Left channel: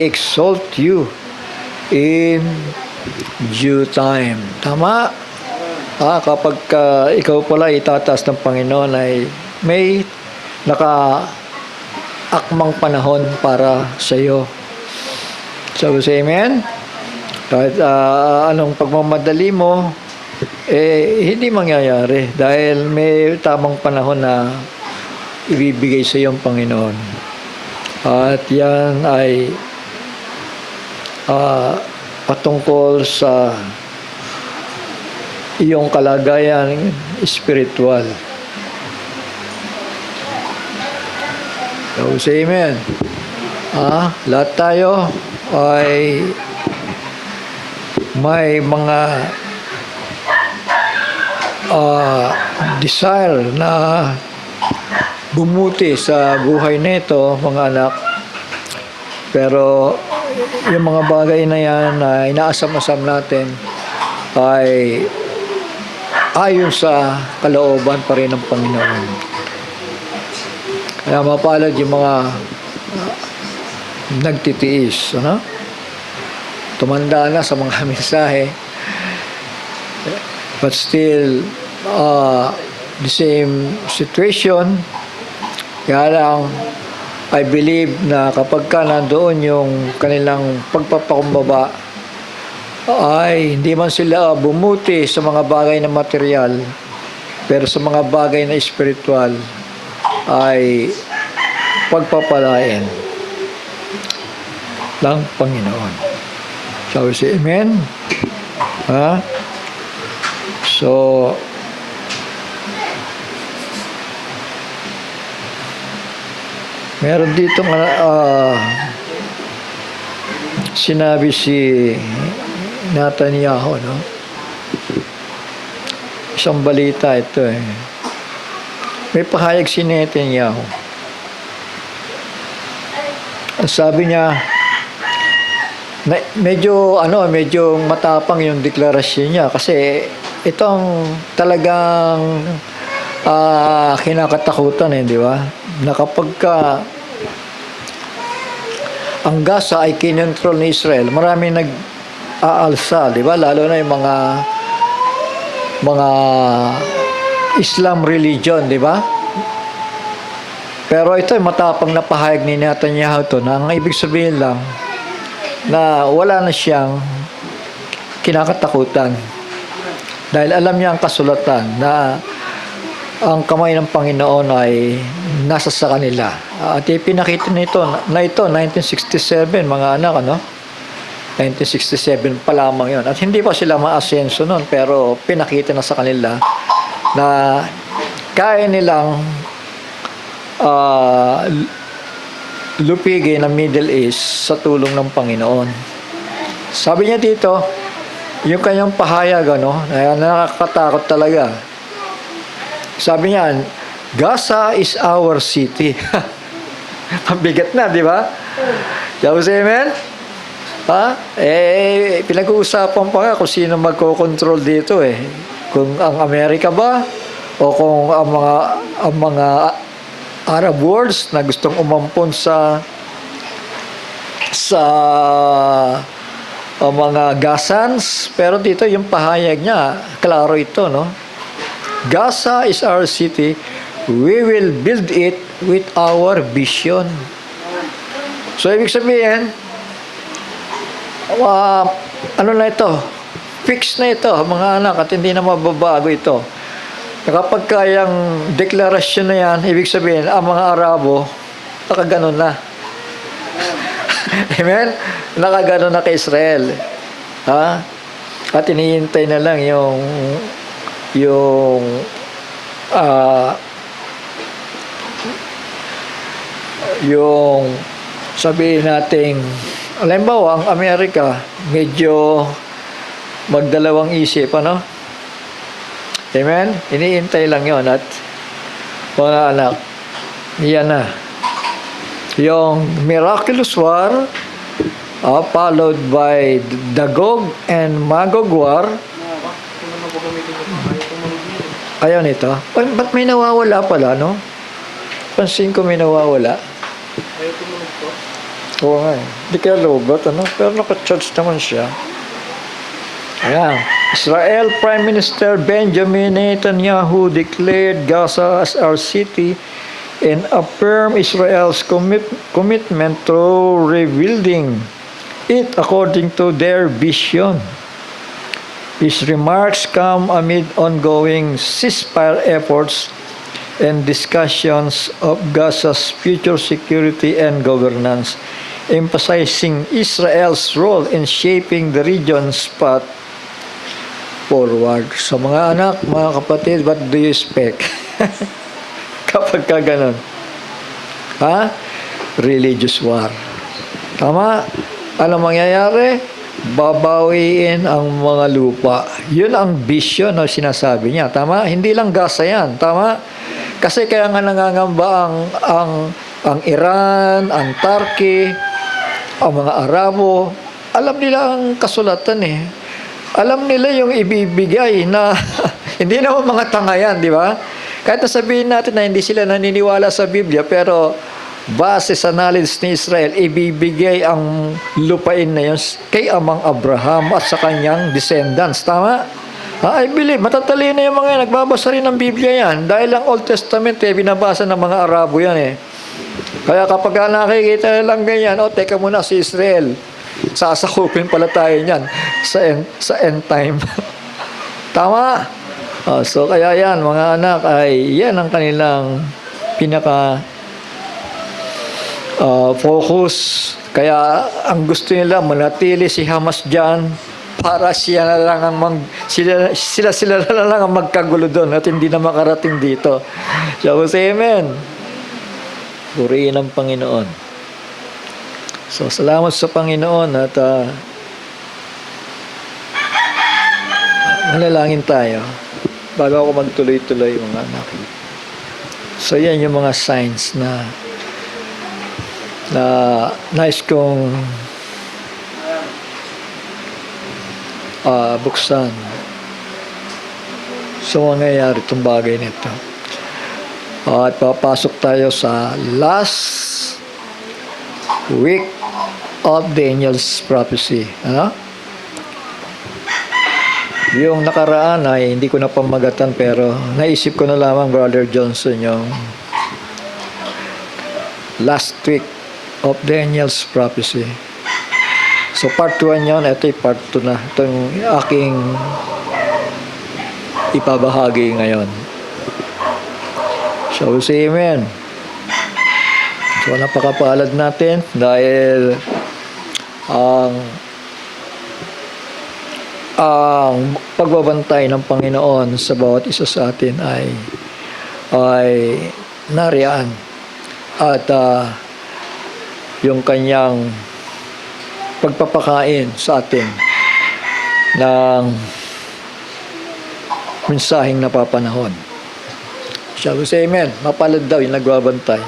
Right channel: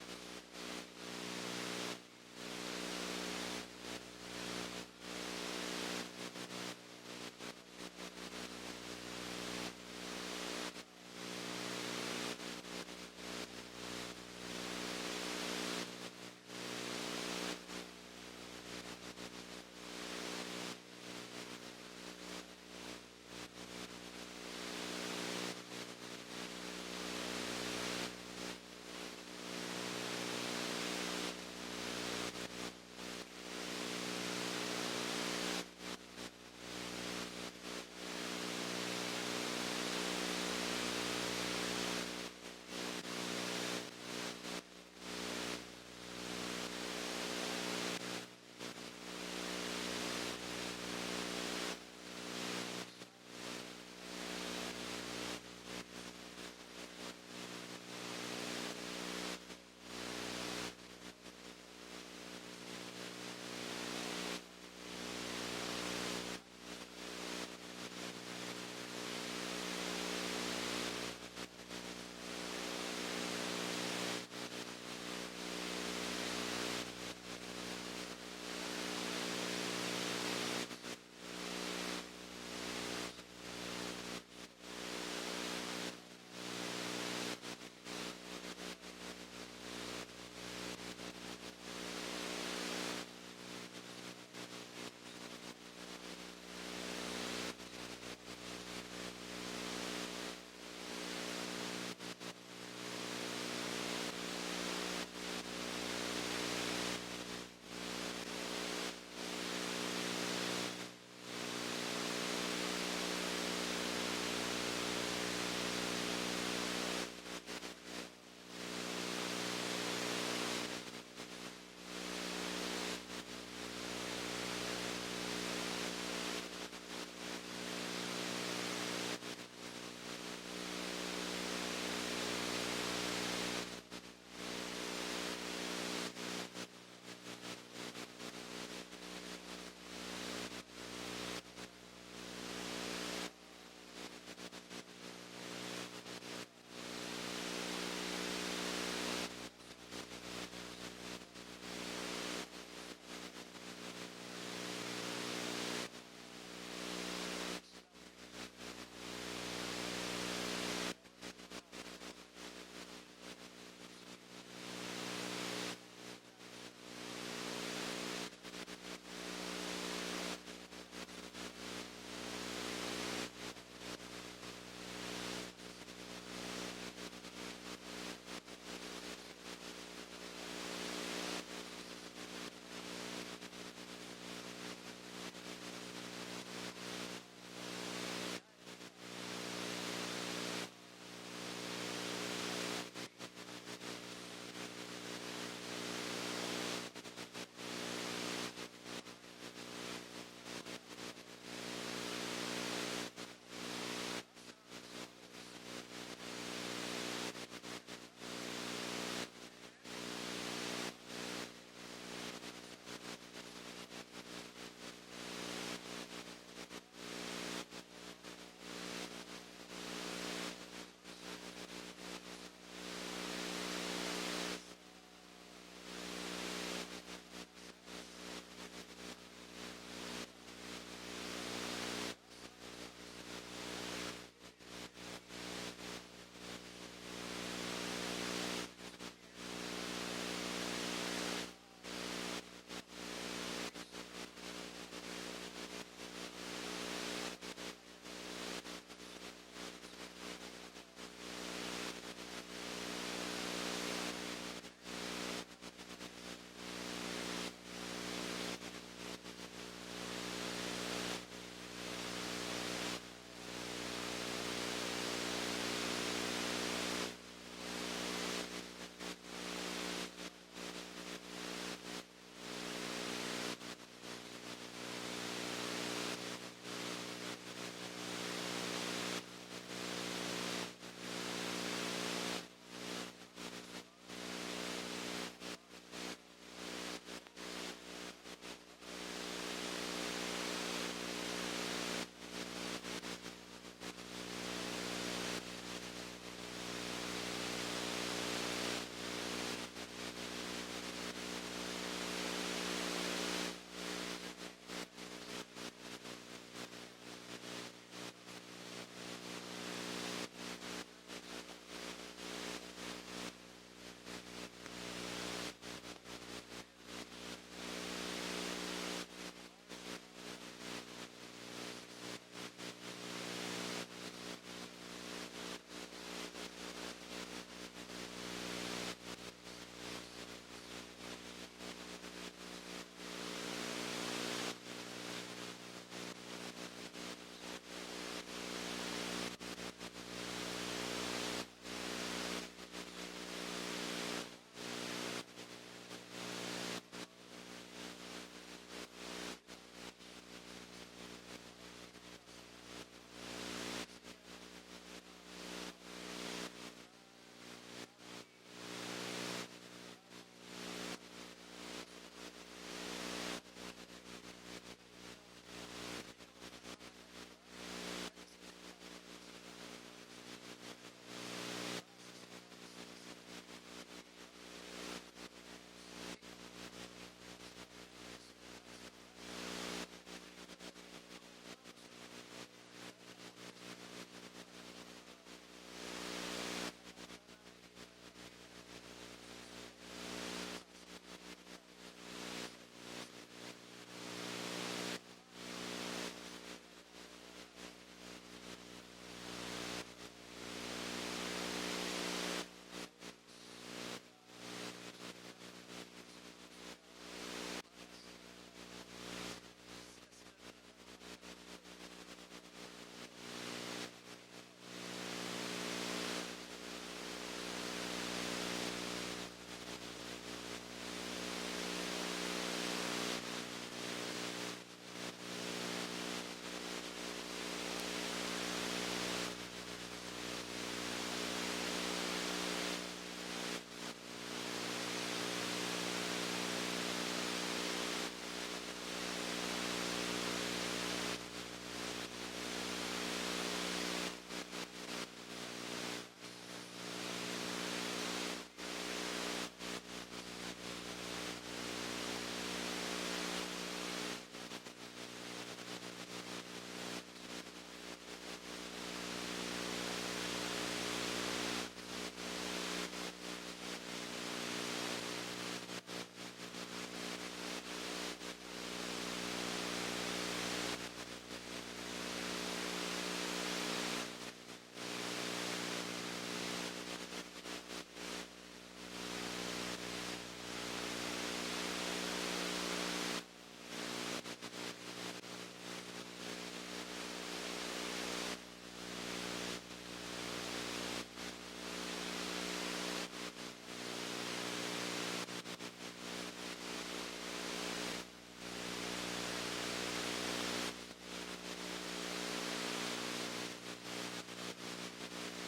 exalt you in due time. Tama? Kapag ikaw pala itataas ng Panginoon ay may naka-akmang panahon para sa iyo. So, say amen? Kahit anong pagmamadali mo, hindi mangyayari dahil may tamang panahon na ibibigay sa iyo ang Panginoon. At yan ay patungkol sa iyong kalagayan spiritual. So, say amen. Lahat tayo ay may mga desire na bumuti sa buhay nito, mga anak. Pero yung mga bagay na yan na inaasam-asam natin ay ayon sa kalooban pa rin ng Panginoon. Kaya mapalad yung mga nagtitiis, tumanda na sa mga mensahe, but still the same situation. Kaya lang, I believe na kapag ka nandoon yung kanilang pagpapakumbaba, ay hindi man sila bumuti sa mga bagay na material, pero sa mga bagay na spiritual ay pagpapalain ng Panginoon. Shall we say amen? So, meron dito sinabi si Netanyahu, isang balita ito May pahayag si Netanyahu. Sabi niya, medyo matapang yung deklarasyon niya kasi itong talagang kinakatakutan di ba? Na kapag ang Gaza ay kinontrol ni Israel, marami nag-aalsa, di ba? Lalo na yung mga Islam religion, di ba? Pero ito ay matapang na pahayag ni Netanyahu to na ang ibig sabihin lang na wala na siyang kinakatakutan. Dahil alam niya ang kasulatan na ang kamay ng Panginoon ay nasa sa kanila. At ipinakita na ito 1967, mga anak, 1967 pa lamang yon. At hindi pa sila maasenso noon, pero pinakita na sa kanila na kaya nilang lupigin ang Middle East sa tulong ng Panginoon. Sabi niya dito, yung kanyang pahayag, nakakatakot talaga. Sabi niya, Gaza is our city. Mabigat na, di ba? Shall we say amen? Pinag-uusapan pa nga kung sino magko-control dito Kung ang Amerika ba o kung ang mga Arab worlds na gustong umampon sa mga Gazans. Pero dito yung pahayag niya, klaro ito, Gaza is our city. We will build it with our vision. So, ibig sabihin, na ito? Fix na ito, mga anak, at hindi na mababago ito. Kapag kayang deklarasyon na yan, ibig sabihin, ang mga Arabo, nakaganon na. Amen? Nakaganon na kay Israel. At inihintay na lang yung sabihin nating, halimbawa, ang Amerika, medyo magdalawang isip, Amen? Iniintay lang yon. At mga anak, yan na. Yung miraculous war, followed by the Gog and Magog war. Ayaw nito. Ba't may nawawala pala, Pansin ko may nawawala. Oo nga eh. Hindi kaya lobot, ano? Pero naka-charge naman siya. Ayan. Israel Prime Minister Benjamin Netanyahu declared Gaza as our city and affirmed Israel's commitment to rebuilding it according to their vision. His remarks come amid ongoing ceasefire efforts and discussions of Gaza's future security and governance, emphasizing Israel's role in shaping the region's path forward. So mga anak, mga kapatid, what do you expect? Kapag ka ganun? Ha? Religious war. Tama? Ano mangyayari? Babawiin ang mga lupa. Yun ang vision na sinasabi niya. Tama? Hindi lang Gaza yan. Tama? Kasi kaya nga nangangamba ang Iran, ang Turkey, ang mga Arabo. Alam nila ang kasulatan eh. Alam nila yung ibibigay na hindi naman mga tanga yan, di ba? Kahit nasabihin natin na hindi sila naniniwala sa Biblia, pero base sa knowledge ni Israel, ibibigay ang lupain na yun kay amang Abraham at sa kanyang descendants. Tama? I believe, matatalino yung mga yan. Nagbabasa rin ng Biblia yan. Dahil ang Old Testament, binabasa ng mga Arabo yan eh. Kaya kapag nakikita lang ganyan, teka muna si Israel. Sasakupin pala tayo niyan sa end time. Tama? So kaya yan, mga anak, ay yan ang kanilang pinaka focus. Kaya ang gusto nila manatili si Hamas diyan para sila na lang ang magkagulo doon at hindi na makarating dito. So say amen. Purihin ang Panginoon. So salamat sa Panginoon at manalangin tayo bago ako magtuloy-tuloy, mga anak. So yan yung mga signs na nais kong buksan. So mangyayari itong bagay nito. At papasok tayo sa last week of Daniel's prophecy. Ano? Yung nakaraan ay hindi ko na pamagatan, pero naisip ko na lamang, Brother Johnson, yung last week of Daniel's prophecy. So part 1 yun, ito yung part 2 na. Ito yung aking ipabahagi ngayon. So say amen. So napakapalad natin dahil ang pagbabantay ng Panginoon sa bawat isa sa atin ay nariyan, at yung kanyang pagpapakain sa atin ng mensaheng napapanahon. Shall we say amen? Mapalad daw yung nagbabantay.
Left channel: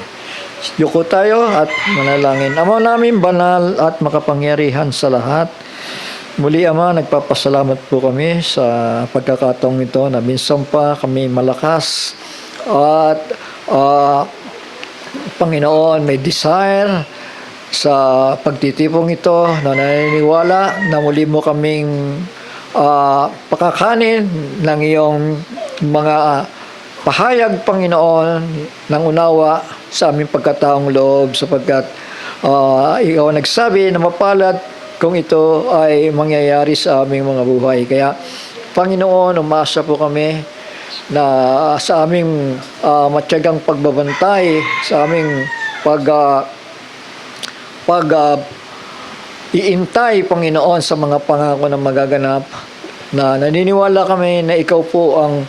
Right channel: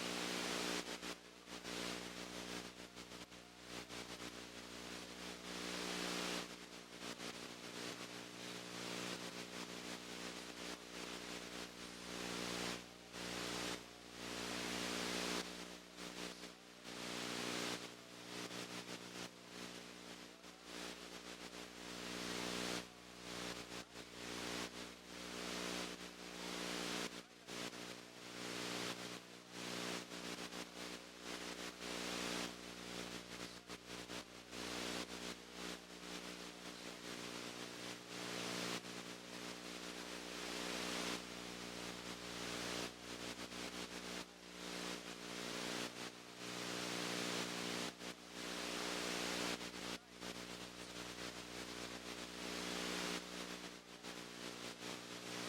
Yuko tayo at manalangin. Ama namin banal at makapangyarihan sa lahat, muli Ama, nagpapasalamat po kami sa pagkakataong ito na minsan pa kami malakas at Panginoon, may desire sa pagtitipong ito na naniniwala na muli mo kaming pakakanin ng iyong mga pahayag, Panginoon, ng unawa sa aming pagkataong loob, sapagkat ikaw nagsabi na mapalad kung ito ay mangyayari sa aming mga buhay. Kaya, Panginoon, umasa po kami na sa aming matyagang pagbabantay, sa aming iintay, Panginoon, sa mga pangako na magaganap, na naniniwala kami na ikaw po ang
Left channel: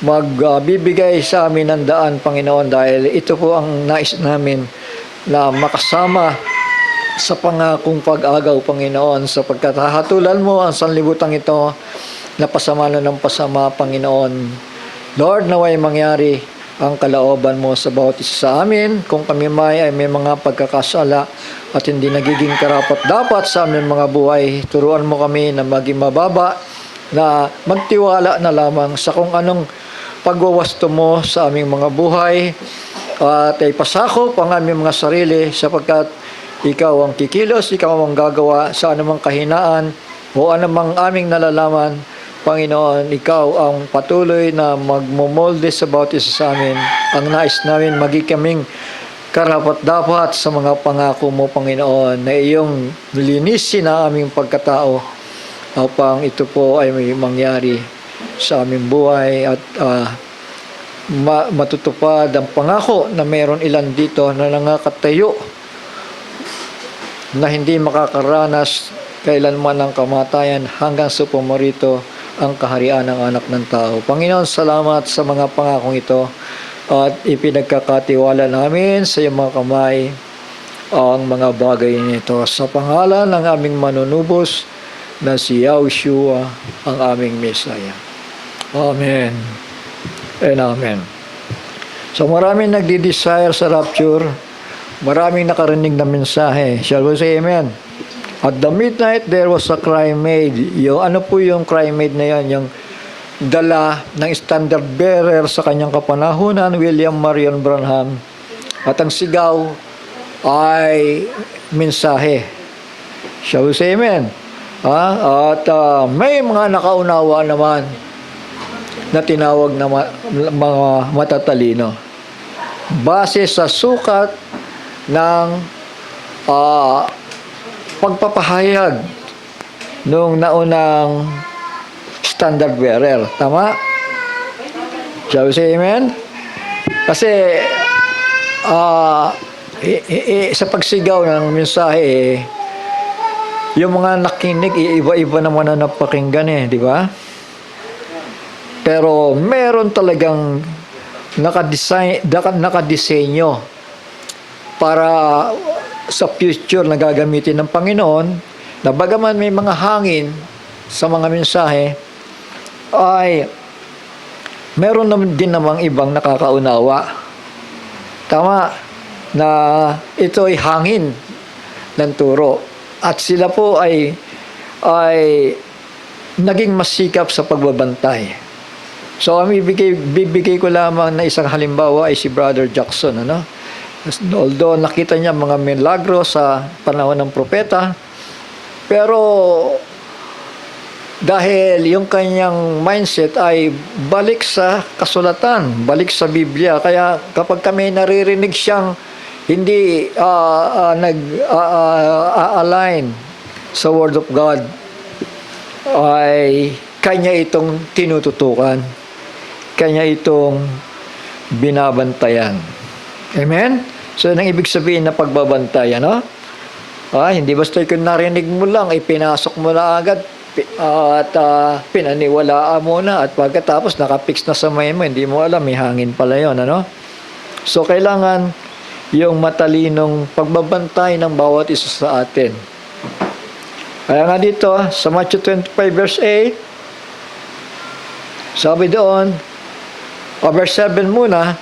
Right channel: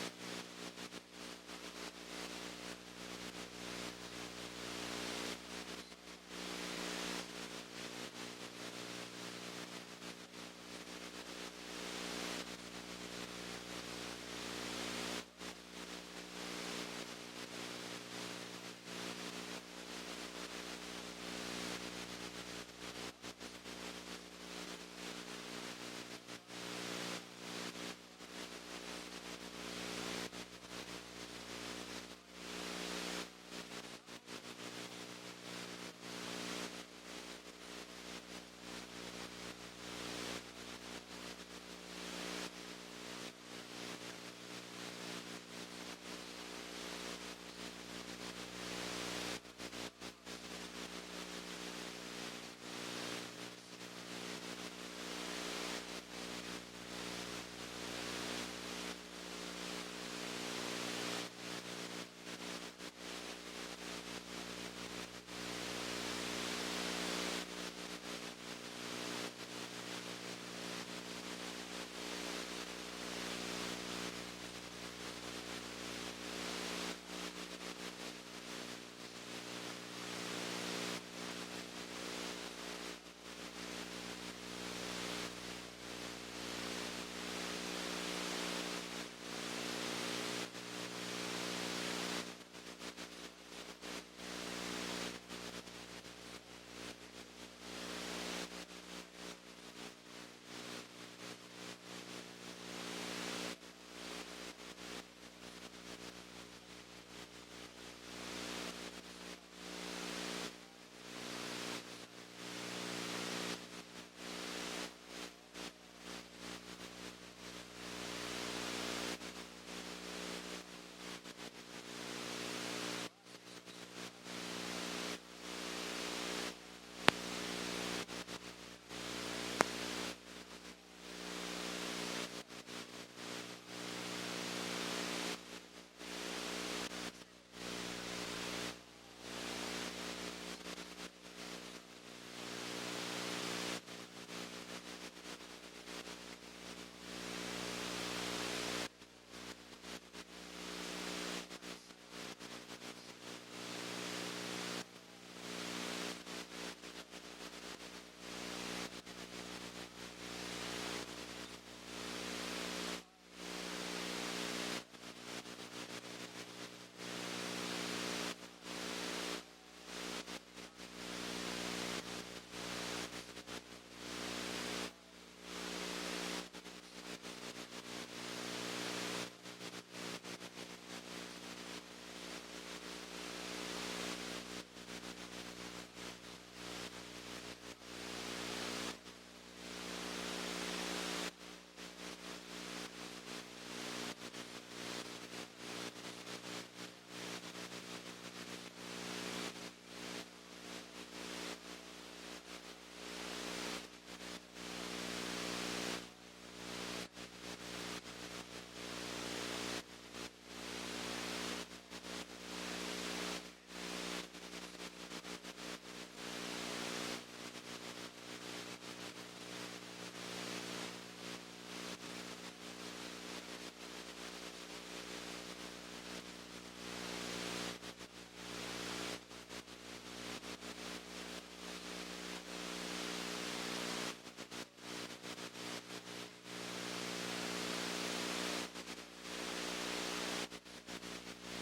magbibigay sa amin ng daan, Panginoon, dahil ito po ang nais namin na makasama sa pangakong pag-agaw, Panginoon, sapagkat hahatulan mo ang sanlibutan ito na pasama na ng pasama, Panginoon. Lord, naway mangyari ang kalooban mo sa bawat isa sa amin. Kung kami ay may mga pagkakasala at hindi nagiging karapat-dapat sa aming mga buhay, turuan mo kami na maging mababa, na magtiwala na lamang sa kung anong pagwawasto mo sa aming mga buhay, at ay pasakop ang aming mga sarili, sapagkat ikaw ang kikilos, ikaw ang gagawa sa anumang kahinaan o anumang aming nalalaman. Panginoon, ikaw ang patuloy na magmomolde sa bawat isa sa amin. Ang nais namin, maging kaming karapat-dapat sa mga pangako mo, Panginoon, na iyong linisin ang aming pagkatao upang ito po ay may mangyari sa aming buhay at matutupad ang pangako na meron ilan dito na nangakatayo na hindi makakaranas kailanman ng kamatayan hanggang sa pumarito ang kaharian ng anak ng tao. Panginoon, salamat sa mga pangakong ito at ipinagkakatiwala namin sa iyong mga kamay ang mga bagay nito. Sa pangalan ng aming manunubos na si Yahushua ang aming Mesaya. Amen and Amen. So maraming nagdi-desire sa rapture, maraming nakarinig na mensahe. Shall we say amen? At the midnight, there was a cry made. Yung, ano po yung cry made na yan? Yung dala ng standard bearer sa kanyang kapanahunan, William Marion Branham. At ang sigaw ay mensahe. Shall we say amen? At may mga nakaunawa naman na tinawag na mga matatalino. Base sa sukat ng pagpapahayag nung naunang standard bearer. Tama? Shall we say amen? Kasi sa pagsigaw ng mensahe, yung mga nakinig, iba-iba naman na napakinggan di ba? Pero meron talagang nakadesenyo para sa future na gagamitin ng Panginoon, na bagaman may mga hangin sa mga mensahe, ay meron naman din namang ibang nakakaunawa. Tama, na ito ay hangin ng turo. At sila po ay naging masikap sa pagbabantay. So, bibigay ko lamang na isang halimbawa ay si Brother Jackson, Although nakita niya mga milagro sa panahon ng propeta, pero dahil yung kanyang mindset ay balik sa kasulatan, balik sa Biblia, kaya kapag kami naririnig siyang hindi nag-align sa Word of God, ay kanya itong tinututukan, kanya itong binabantayan. Amen? So, nang ibig sabihin na pagbabantay, hindi basta kung narinig mo lang, pinasok mo na agad, at pinaniwalaan mo na, at pagkatapos nakapix na sa may mo, hindi mo alam, may hangin pala yun, So, kailangan yung matalinong pagbabantay ng bawat isa sa atin. Kaya nga dito, sa Matthew 25 verse 8, sabi doon, verse 7 muna,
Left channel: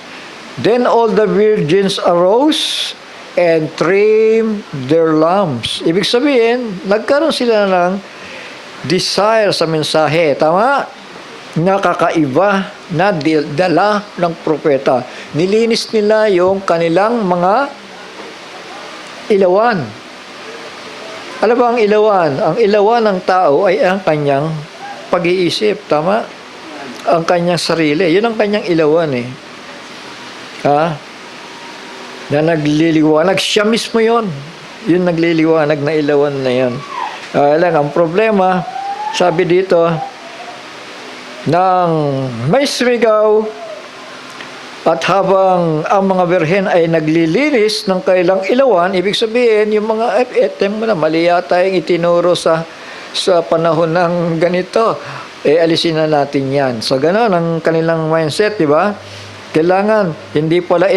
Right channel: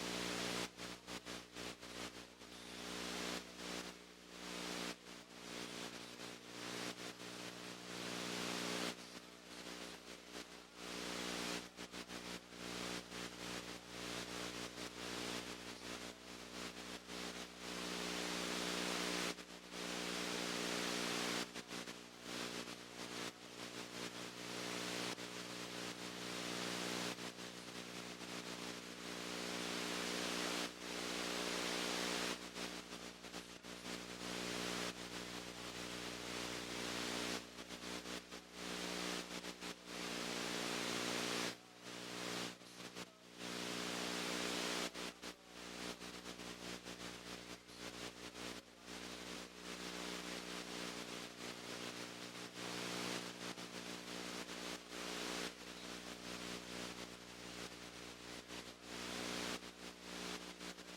then all the virgins arose and trimmed their lamps. Ibig sabihin, nagkaroon sila ng desire sa mensahe. Tama? Nakakaiba na dala ng propeta. Nilinis nila yung kanilang mga ilawan. Ano ba ang ilawan? Ang ilawan ng tao ay ang kanyang pag-iisip. Tama? Ang kanyang sarili. Yun ang kanyang ilawan na nagliliwanag. Siya mismo yun. Yung nagliliwanag na ilawan na yun. Ang problema, sabi dito, nang may sumigaw at habang ang mga birhen ay naglilinis ng kailang ilawan, ibig sabihin, yung mga etem mo na mali yata yung itinuro sa panahon ng ganito, alisin na natin yan. So, gano'n ang kanilang mindset, di ba? Kailangan, hindi pala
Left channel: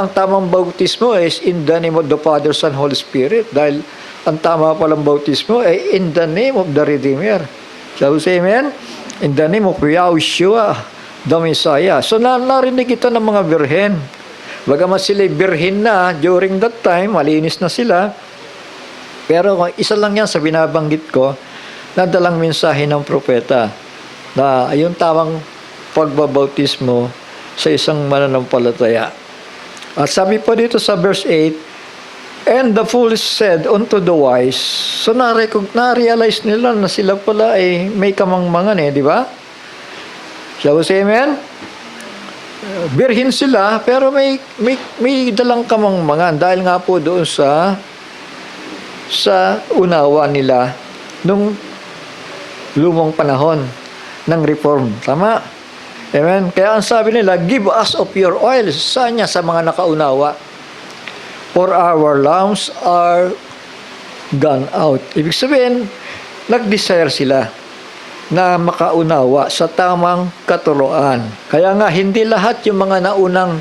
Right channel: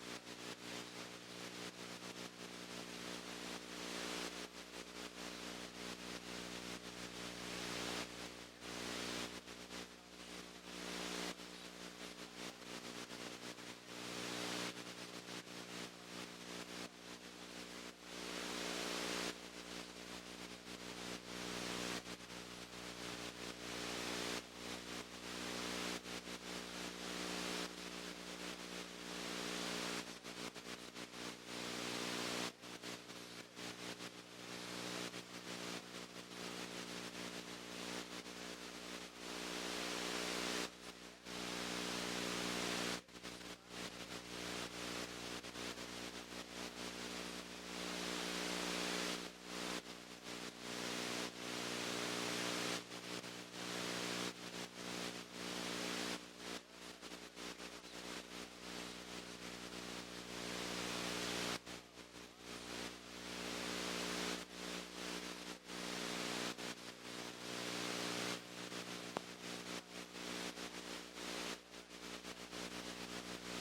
ang tamang bautismo is in the name of the Father, Son, Holy Spirit. Dahil ang tama palang bautismo ay in the name of the Redeemer. Shall we say amen? In the name of Yahushua, the Messiah. So narinig ito ng mga birhen. Bagamat sila birhen na during that time, malinis na sila. Pero isa lang yan sa binabanggit ko, na dalang mensahe ng propeta na yung tamang pagbabautismo sa isang mananampalataya. At sabi pa dito sa verse 8, And the foolish said unto the wise, so na-realize nila na sila pala ay may kamangmangan di ba? Shall we say amen? Birhin sila, pero may dalang kamangmangan dahil nga po doon sa unawa nila nung lumang panahon ng reform. Tama? Amen? Kaya ang sabi nila, give us of your oil. Saan niya? Sa mga nakaunawa. For our lamps are gone out. Ibig sabihin, nag-desire sila na makaunawa sa tamang katuroan. Kaya nga, hindi lahat yung mga naunang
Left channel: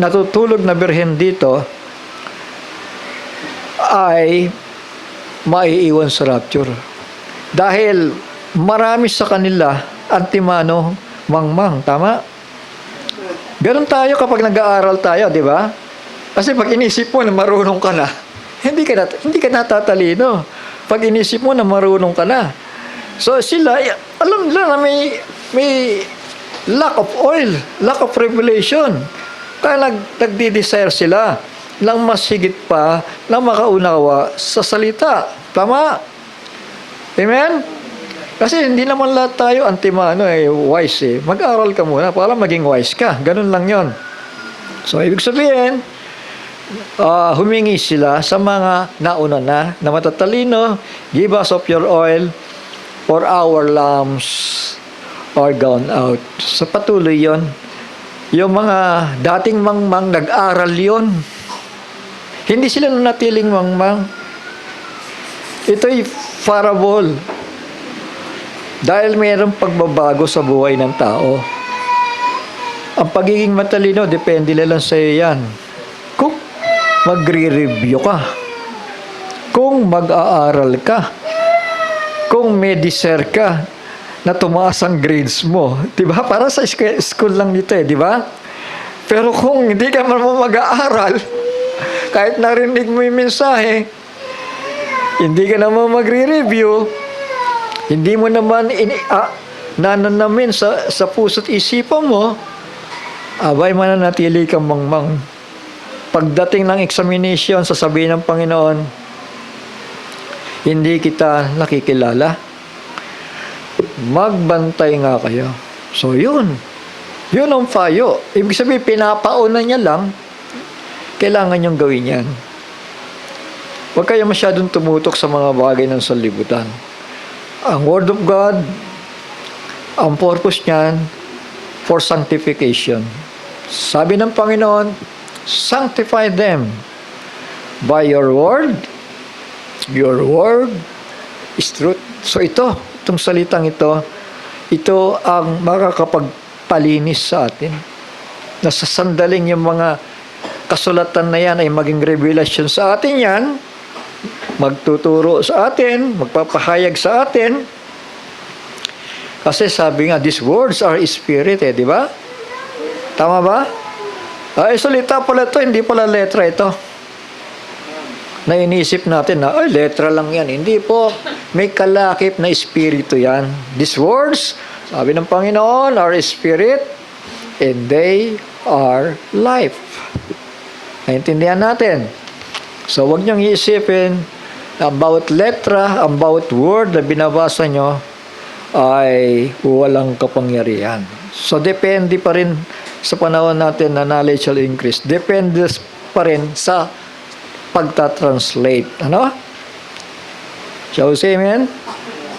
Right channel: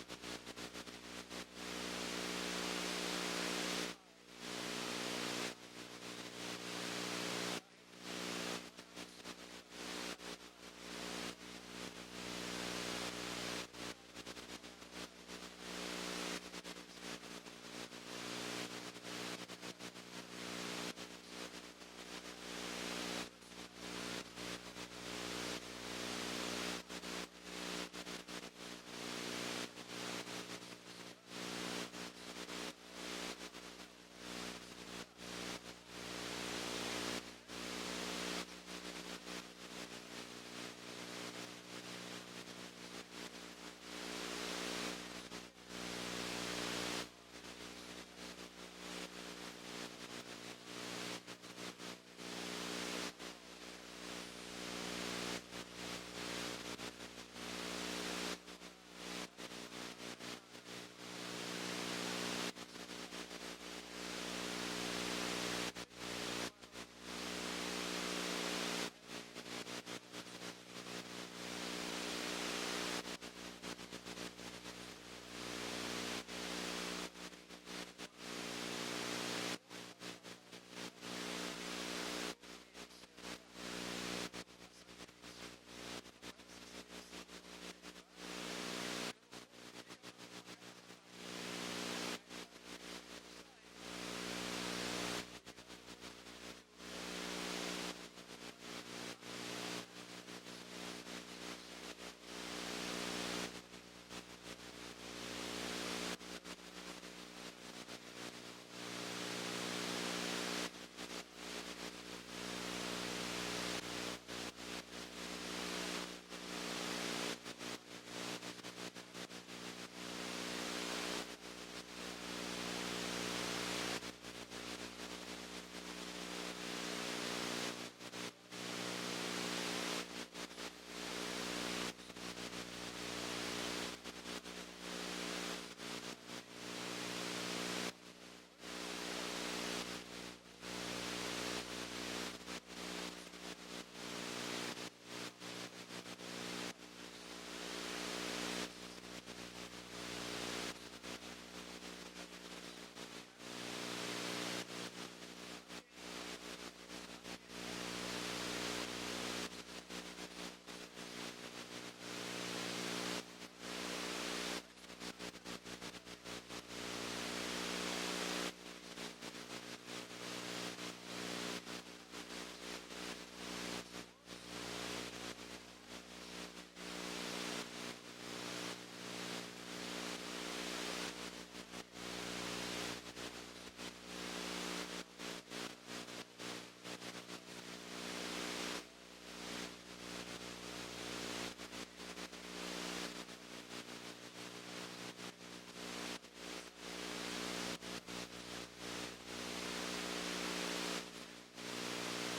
natutulog na birhen dito ay maiiwan sa rapture. Dahil marami sa kanila antimano mangmang. Tama? Ganun tayo kapag nag-aaral tayo, di ba? Kasi pag inisip mo na marunong ka na, hindi ka natatalino. Pag inisip mo na marunong ka na. So sila, alam nila na may lack of oil, lack of revelation. Kaya nagdi-desire sila ng mas higit pa na makaunawa sa salita. Tama? Amen? Kasi hindi naman lahat tayo wise Mag-aral ka muna para maging wise ka. Ganun lang yon. So, ibig sabihin, humingi sila sa mga nauna na matatalino, give us of your oil, for our lamps are gone out. So, patuloy yon. Yung mga dating mangmang, nag-aral yon. Hindi sila natiling mangmang. Ito'y parable. Dahil mayroong pagbabago sa buhay ng tao. Ang pagiging matalino, depende lang sa iyo yan. Kung magre-review ka, kung mag-aaral ka, kung may desire ka na tumaas ang grades mo. Diba? Para sa school lang nito di ba? Pero kung hindi ka man mag-aaral, kahit narinig mo yung mensahe, hindi ka naman magre-review, hindi mo naman nananamin sa puso't isipan mo, abay mananatili kang mangmang. Pagdating ng examination, sasabihin ng Panginoon, hindi kita nakikilala. Magbantay nga kayo. So yun ang payo. Ibig sabihin, pinapauna niya lang, kailangan niyong gawin yan. Huwag kayo masyadong tumutok sa mga bagay ng sanlibutan. Ang Word of God, ang purpose niyan, for sanctification. Sabi ng Panginoon, sanctify them by your word. Your word is truth. So itong salitang ito ang makakapagpalinis sa atin. Nasa sandaling yung mga kasulatan na yan ay maging revelation sa atin yan, magtuturo sa atin, magpapahayag sa atin. Kasi sabi nga, these words are spirit di ba? Tama ba? Salita pala ito, hindi pala letra ito. Na inisip natin na, letra lang yan. Hindi po, may kalakip na espiritu yan. These words, sabi ng Panginoon, are spirit, and they are life. Naintindihan natin. So, huwag niyong iisipin about letra, about word na binabasa nyo ay walang kapangyarihan. So, depende pa rin sa panahon natin na knowledge will increase. Depende pa rin sa pagta-translate. Ano? Shall we say amen?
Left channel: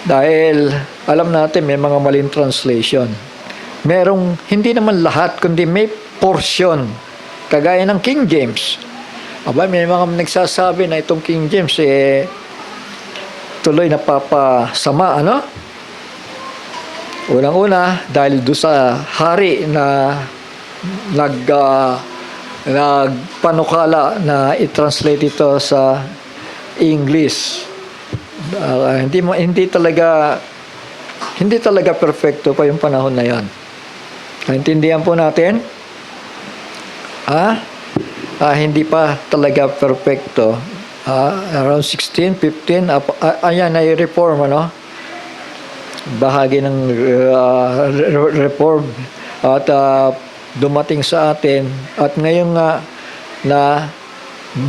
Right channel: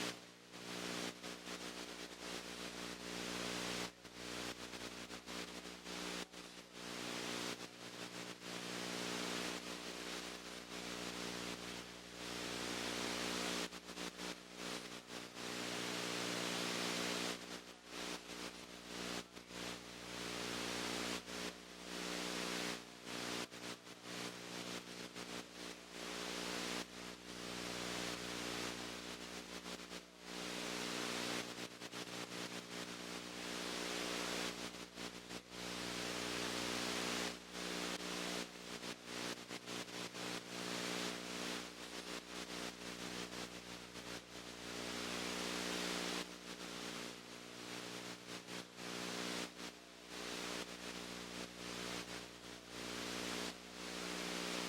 Dahil alam natin may mga maling translation. Merong, hindi naman lahat, kundi may portion. Kagaya ng King James. May mga nagsasabi na itong King James tuloy napapasama, Unang-una, dahil doon sa hari na nagpanukala na i-translate ito sa English. Hindi talaga perfecto pa yung panahon na yan. Naintindihan po natin? Hindi pa talaga perfecto. Around 16, 15, ayan ay reform, bahagi ng reform at dumating sa atin at ngayon nga na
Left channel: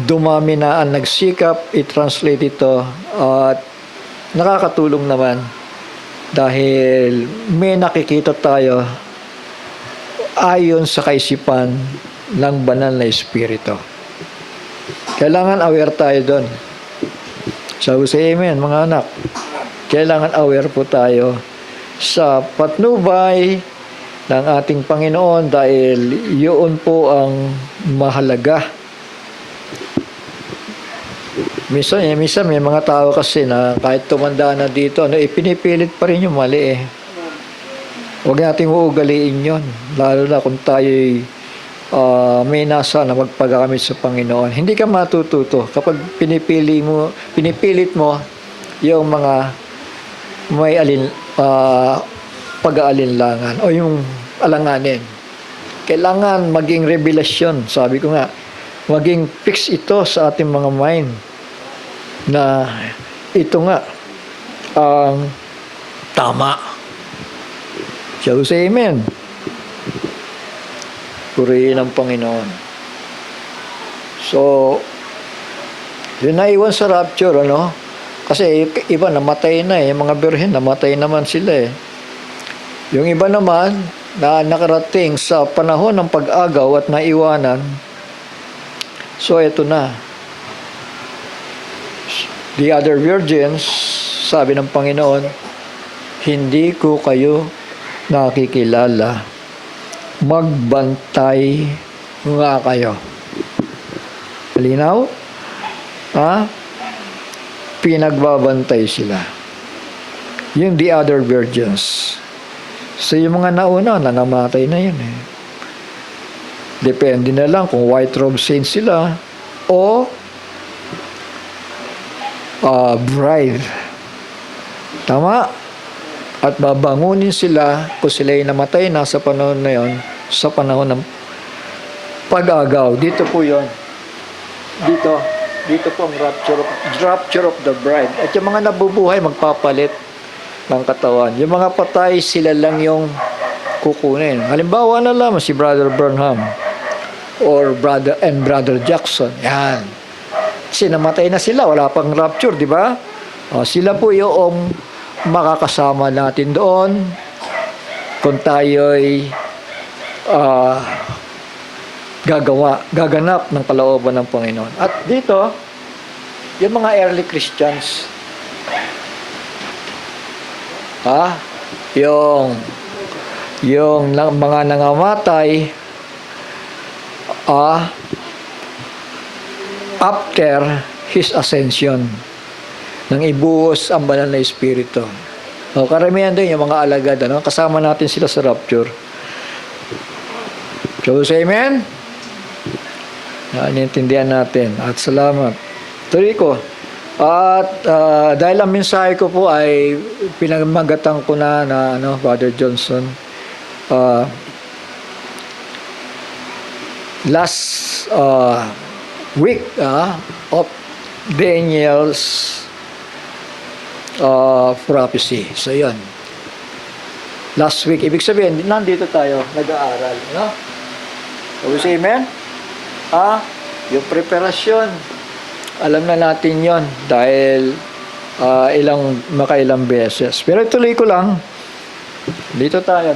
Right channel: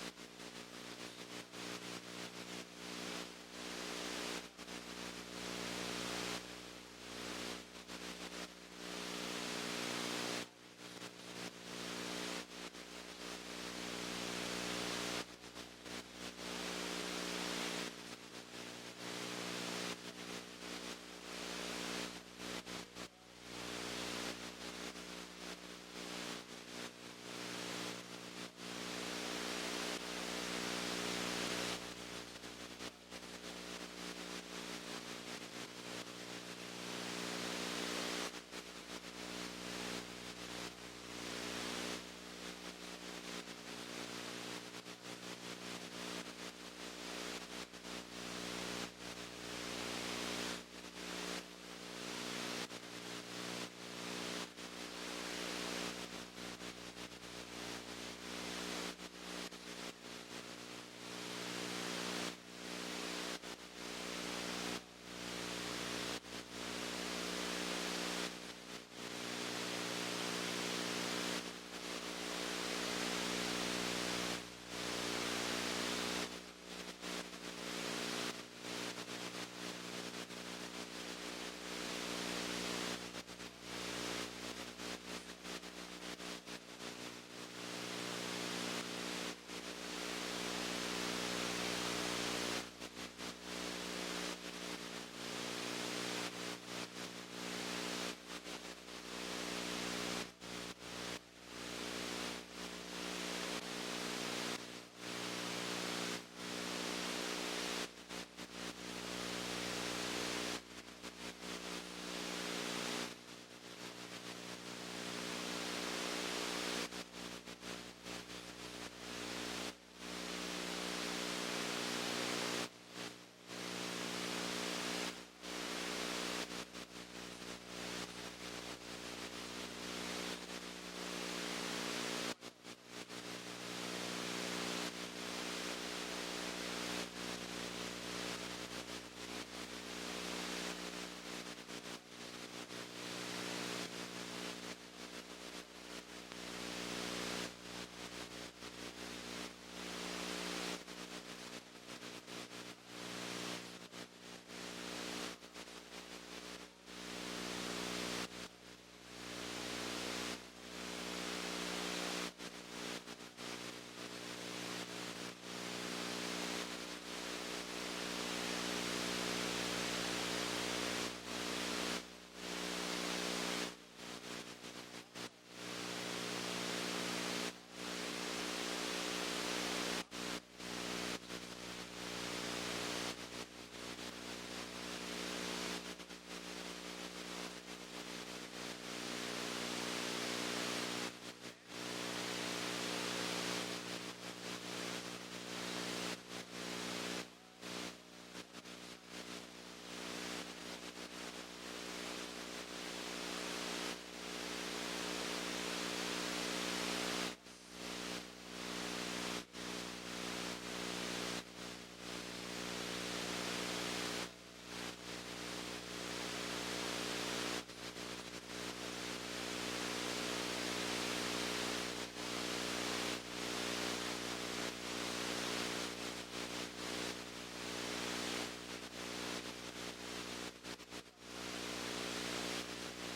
dumami na ang nagsikap i-translate ito at nakakatulong naman dahil may nakikita tayo ayon sa kaisipan ng banal na espiritu. Kailangan aware tayo doon. So, say amen, mga anak. Kailangan aware po tayo sa patnubay ng ating Panginoon dahil yun po ang mahalaga. Minsan may mga tao kasi na kahit tumanda na dito, pinipilit pa rin yung mali eh. Huwag nating uugaliin yun. Lalo na kung tayo'y may nasa na magpagamit sa Panginoon. Hindi ka matututo kapag pinipilit mo yung mga may pag-aalinlangan o yung alanganin. Kailangan maging revelasyon. Sabi ko nga, maging fix ito sa ating mga mind na ito nga ang tama. Shall we say amen? Purihin ang Panginoon. So, yun naiwan sa rapture, ano? Kasi iba namatay na eh. Yung mga birhen, namatay naman sila eh. Yung iba naman, na nakarating sa panahon ng pag-agaw at naiwanan, so ito na. The other virgins, sabi ng Panginoon, hindi ko kayo nakikilala. Magbantay nga kayo. Malinaw? Pinagbabantay sila. Yung the other virgins. So yung mga nauna, nangamatay na yun eh. Depende na lang kung white robe saints sila o bride. Tama? At babangunin sila kung sila'y namatay na sa panahon na yon, sa panahon ng pag-agaw. Dito po yon. Dito po ang rapture of the bride. At yung mga nabubuhay, magpapalit ng katawan. Yung mga patay, sila lang yung kukunin. Halimbawa na lang si Brother Branham or Brother Jackson. Yan. Kasi namatay na sila, wala pang rapture, di ba? Sila po yung makakasama natin doon kung tayo'y gaganap ng kalooban ng Panginoon. At dito, yung mga early Christians, yung mga nangamatay after His ascension, nang ibuhos ang banal na espiritu. Karamihan din yung mga alagad, kasama natin sila sa rapture. So, say amen? Naintindihan natin. At salamat. Tuloy ko. At dahil ang mensahe ko po ay pinagmagatan ko na Brother Johnson, last week of Daniel's prophecy. So, yun. Last week, ibig sabihin, nandito tayo, nag-aaral. No? So, we say amen? Yung preparasyon, alam na natin yon dahil makailang beses. Pero ituloy ko lang. Dito tayo.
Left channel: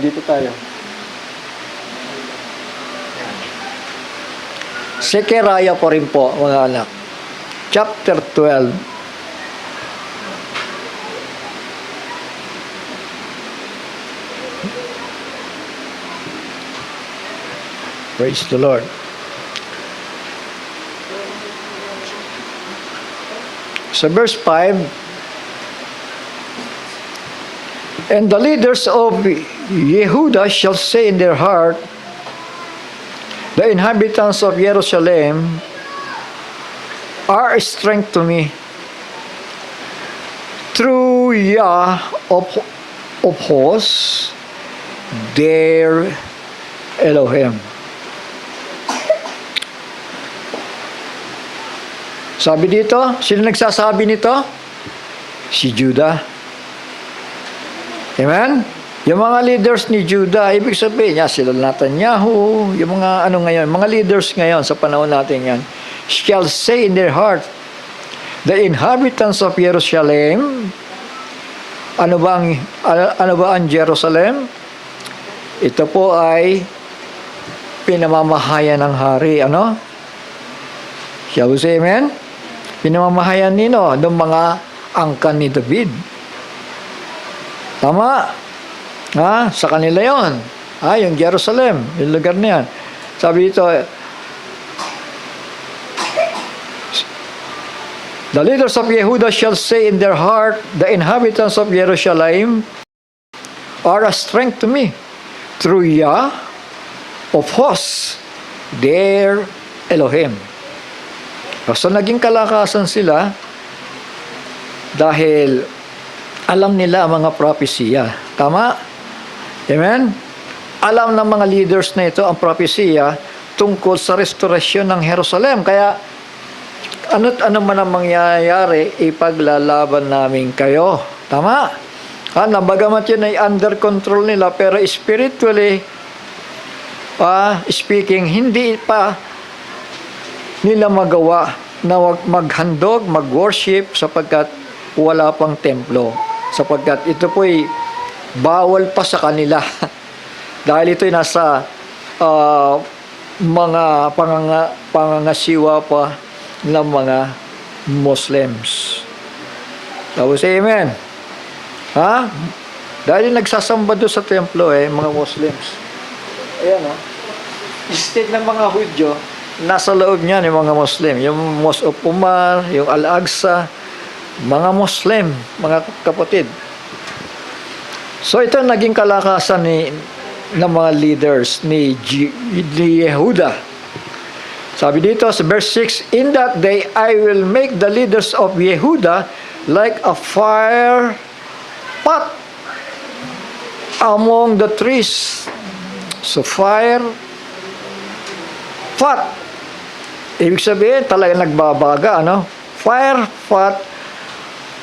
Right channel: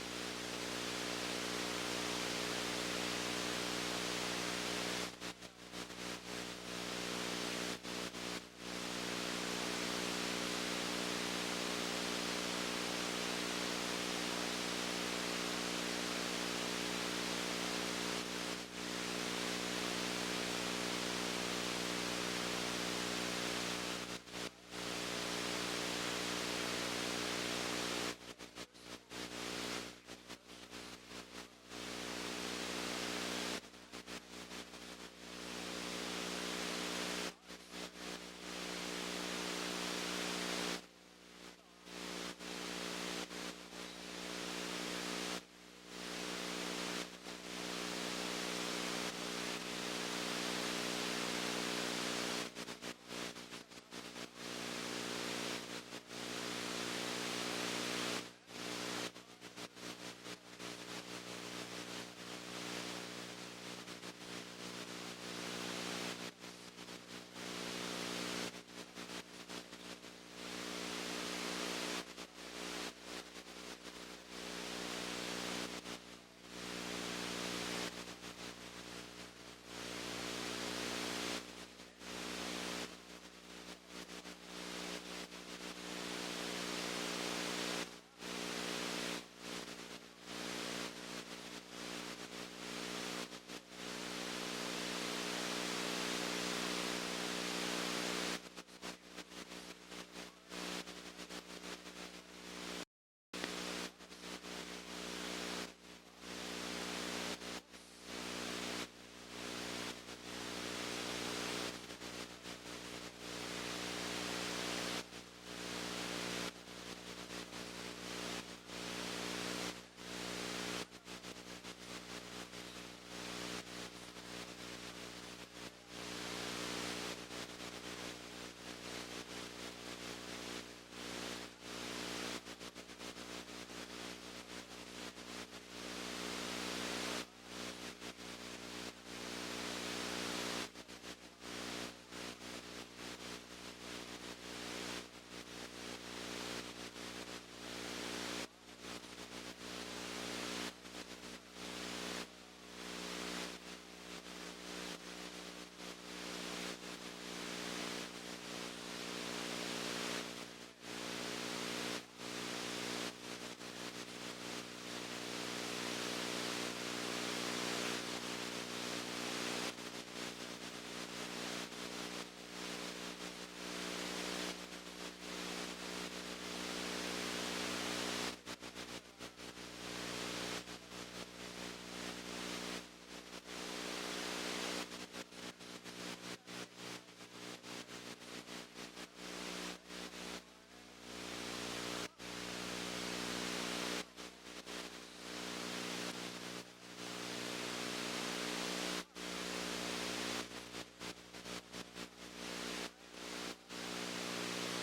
Sekeraya po rin po, mga anak. Chapter 12. Praise the Lord. Sa verse 5, and the leaders of Yehuda shall say in their heart, the inhabitants of Jerusalem are a strength to me. Through Yah of hosts, their Elohim. Sabi dito, sino nagsasabi nito? Si Judah. Amen? Yung mga leaders ni Judah, ibig sabihin niya, sila Netanyahu, yung mga ngayon, mga leaders ngayon sa panahon natin yan, shall say in their heart, the inhabitants of Jerusalem, ano ba ang Jerusalem? Ito po ay pinamamahayan ng hari, ano? Shall we say amen? Pinamamahayan nino ng mga angkan ni David. Tama? Sa kanila yon. Yung Jerusalem, yung lugar na yan. Sabi dito, the leaders of Yehuda shall say in their heart, the inhabitants of Jerusalem are a strength to me. Through Yah of hosts, their Elohim. So naging kalakasan sila dahil alam nila ang mga propesiya. Tama? Amen? Alam ng mga leaders na ito ang propesiya tungkol sa restorasyon ng Jerusalem. Kaya ano't ano man ang mangyayari, ipaglalaban namin kayo. Tama? Bagamat yun ay under control nila, pero spiritually speaking, hindi pa nila magawa na maghandog, mag-worship sapagkat wala pang templo. Sapagkat ito po'y bawal pa sa kanila. Dahil ito'y nasa mga pangangasiwa pa ng mga Muslims. Tapos amen. Dahil nagsasamba doon sa templo mga Muslims. Ayan instead ng mga Hudyo, nasa loob niyan yung mga Muslim. Yung Mosque of Umar, yung Al-Aqsa, mga Muslim, mga kapatid. So ito naging kalakasan ng mga leaders ni Yehuda. Sabi dito sa verse 6, in that day I will make the leaders of Yehuda like a fire pot among the trees. So fire pot. Ibig sabihin talagang nagbabaga, Fire pot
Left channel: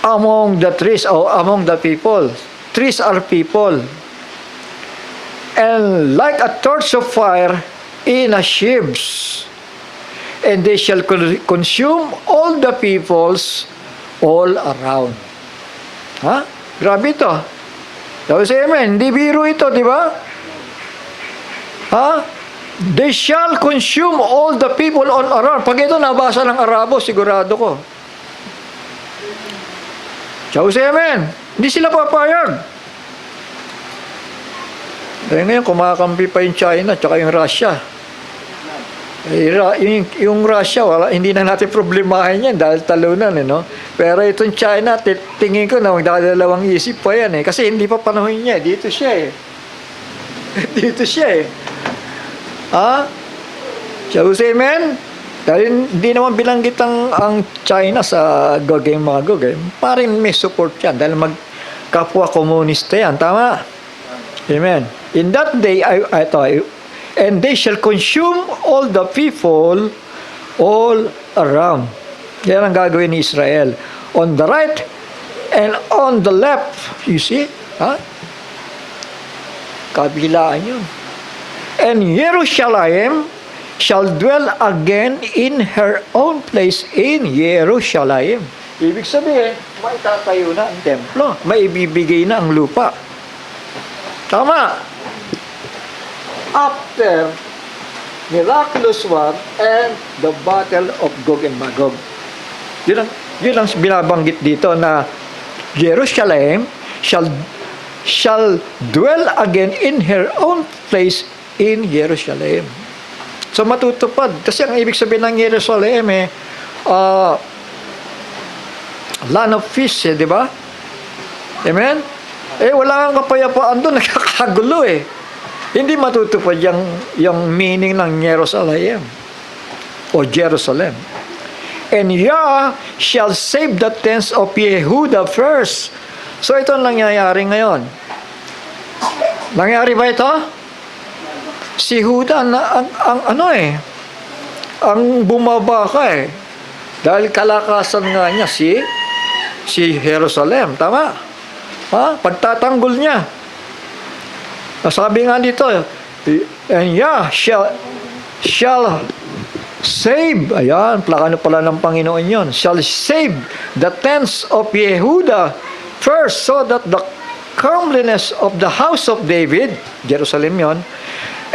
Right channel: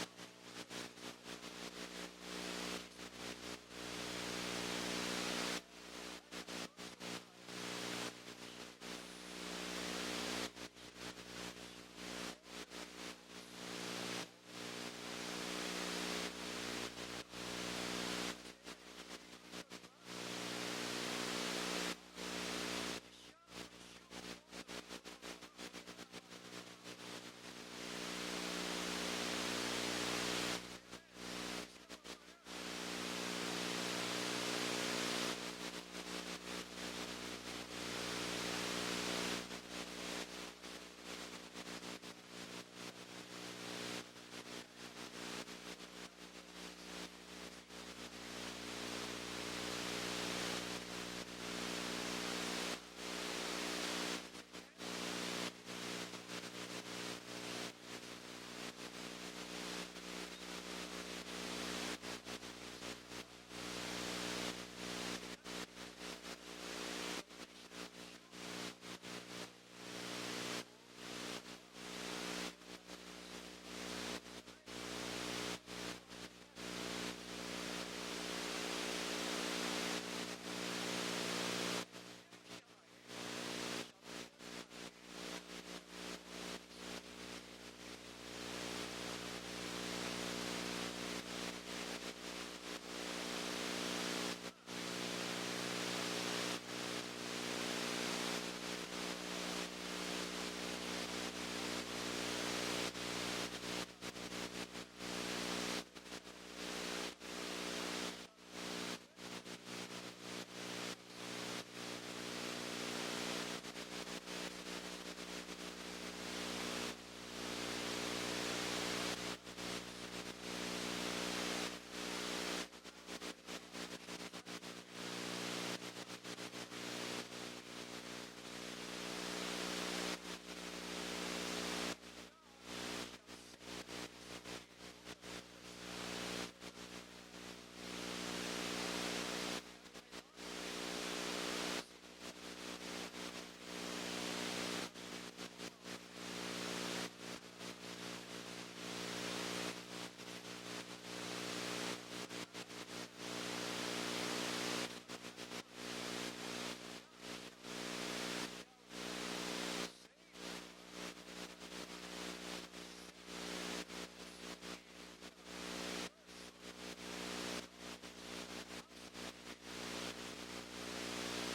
among the trees or among the people. Trees are people. And like a torch of fire in a sheaves. And they shall consume all the peoples all around. Grabe ito. Tapos amen, hindi biro ito, di ba? They shall consume all the people all around. Pag ito nabasa ng Arabo, sigurado ko. Tapos amen, hindi sila papayag. Dahil ngayon, kumakampi pa yung China at yung Russia. Yung Russia, hindi na natin problemahin yan dahil talunan, Pero itong China, tingin ko na magdadalawang isip pa yan, Kasi hindi pa panahon niya, dito siya, Dito siya, Shall we say amen? Dahil hindi naman bilanggit ang China sa mga Gog, Parang may support yan dahil magkapwa komunista yan. Tama? Amen. In that day, and they shall consume all the people all around. Yan ang gagawin ni Israel. On the right and on the left. You see? Kabilaan yun. And Jerusalem shall dwell again in her own place in Jerusalem. Ibig sabihin, may tatayo na ang templo. May ibibigay na ang lupa. Tama. After miraculous war and the battle of Gog and Magog. Yun ang binabanggit dito na Jerusalem shall dwell again in her own place in Jerusalem. So matutupad. Kasi ang ibig sabihin ng Jerusalem land of peace, di ba? Amen? Wala kang kapayapaan doon, nakakagulo Hindi matutupad yung meaning ng Jerusalem o Jerusalem. And Yah shall save the tents of Yehuda first. So ito ang nangyayari ngayon. Nangyari ba ito? Si Huda ang bumabaka Dahil kalakasan nga niya si Jerusalem. Tama? Pagtatanggol niya. Sabi nga dito, and Yah shall save, ayan, plakano pala ng Panginoon yon, shall save the tents of Yehuda first, so that the comeliness of the house of David, Jerusalem yon,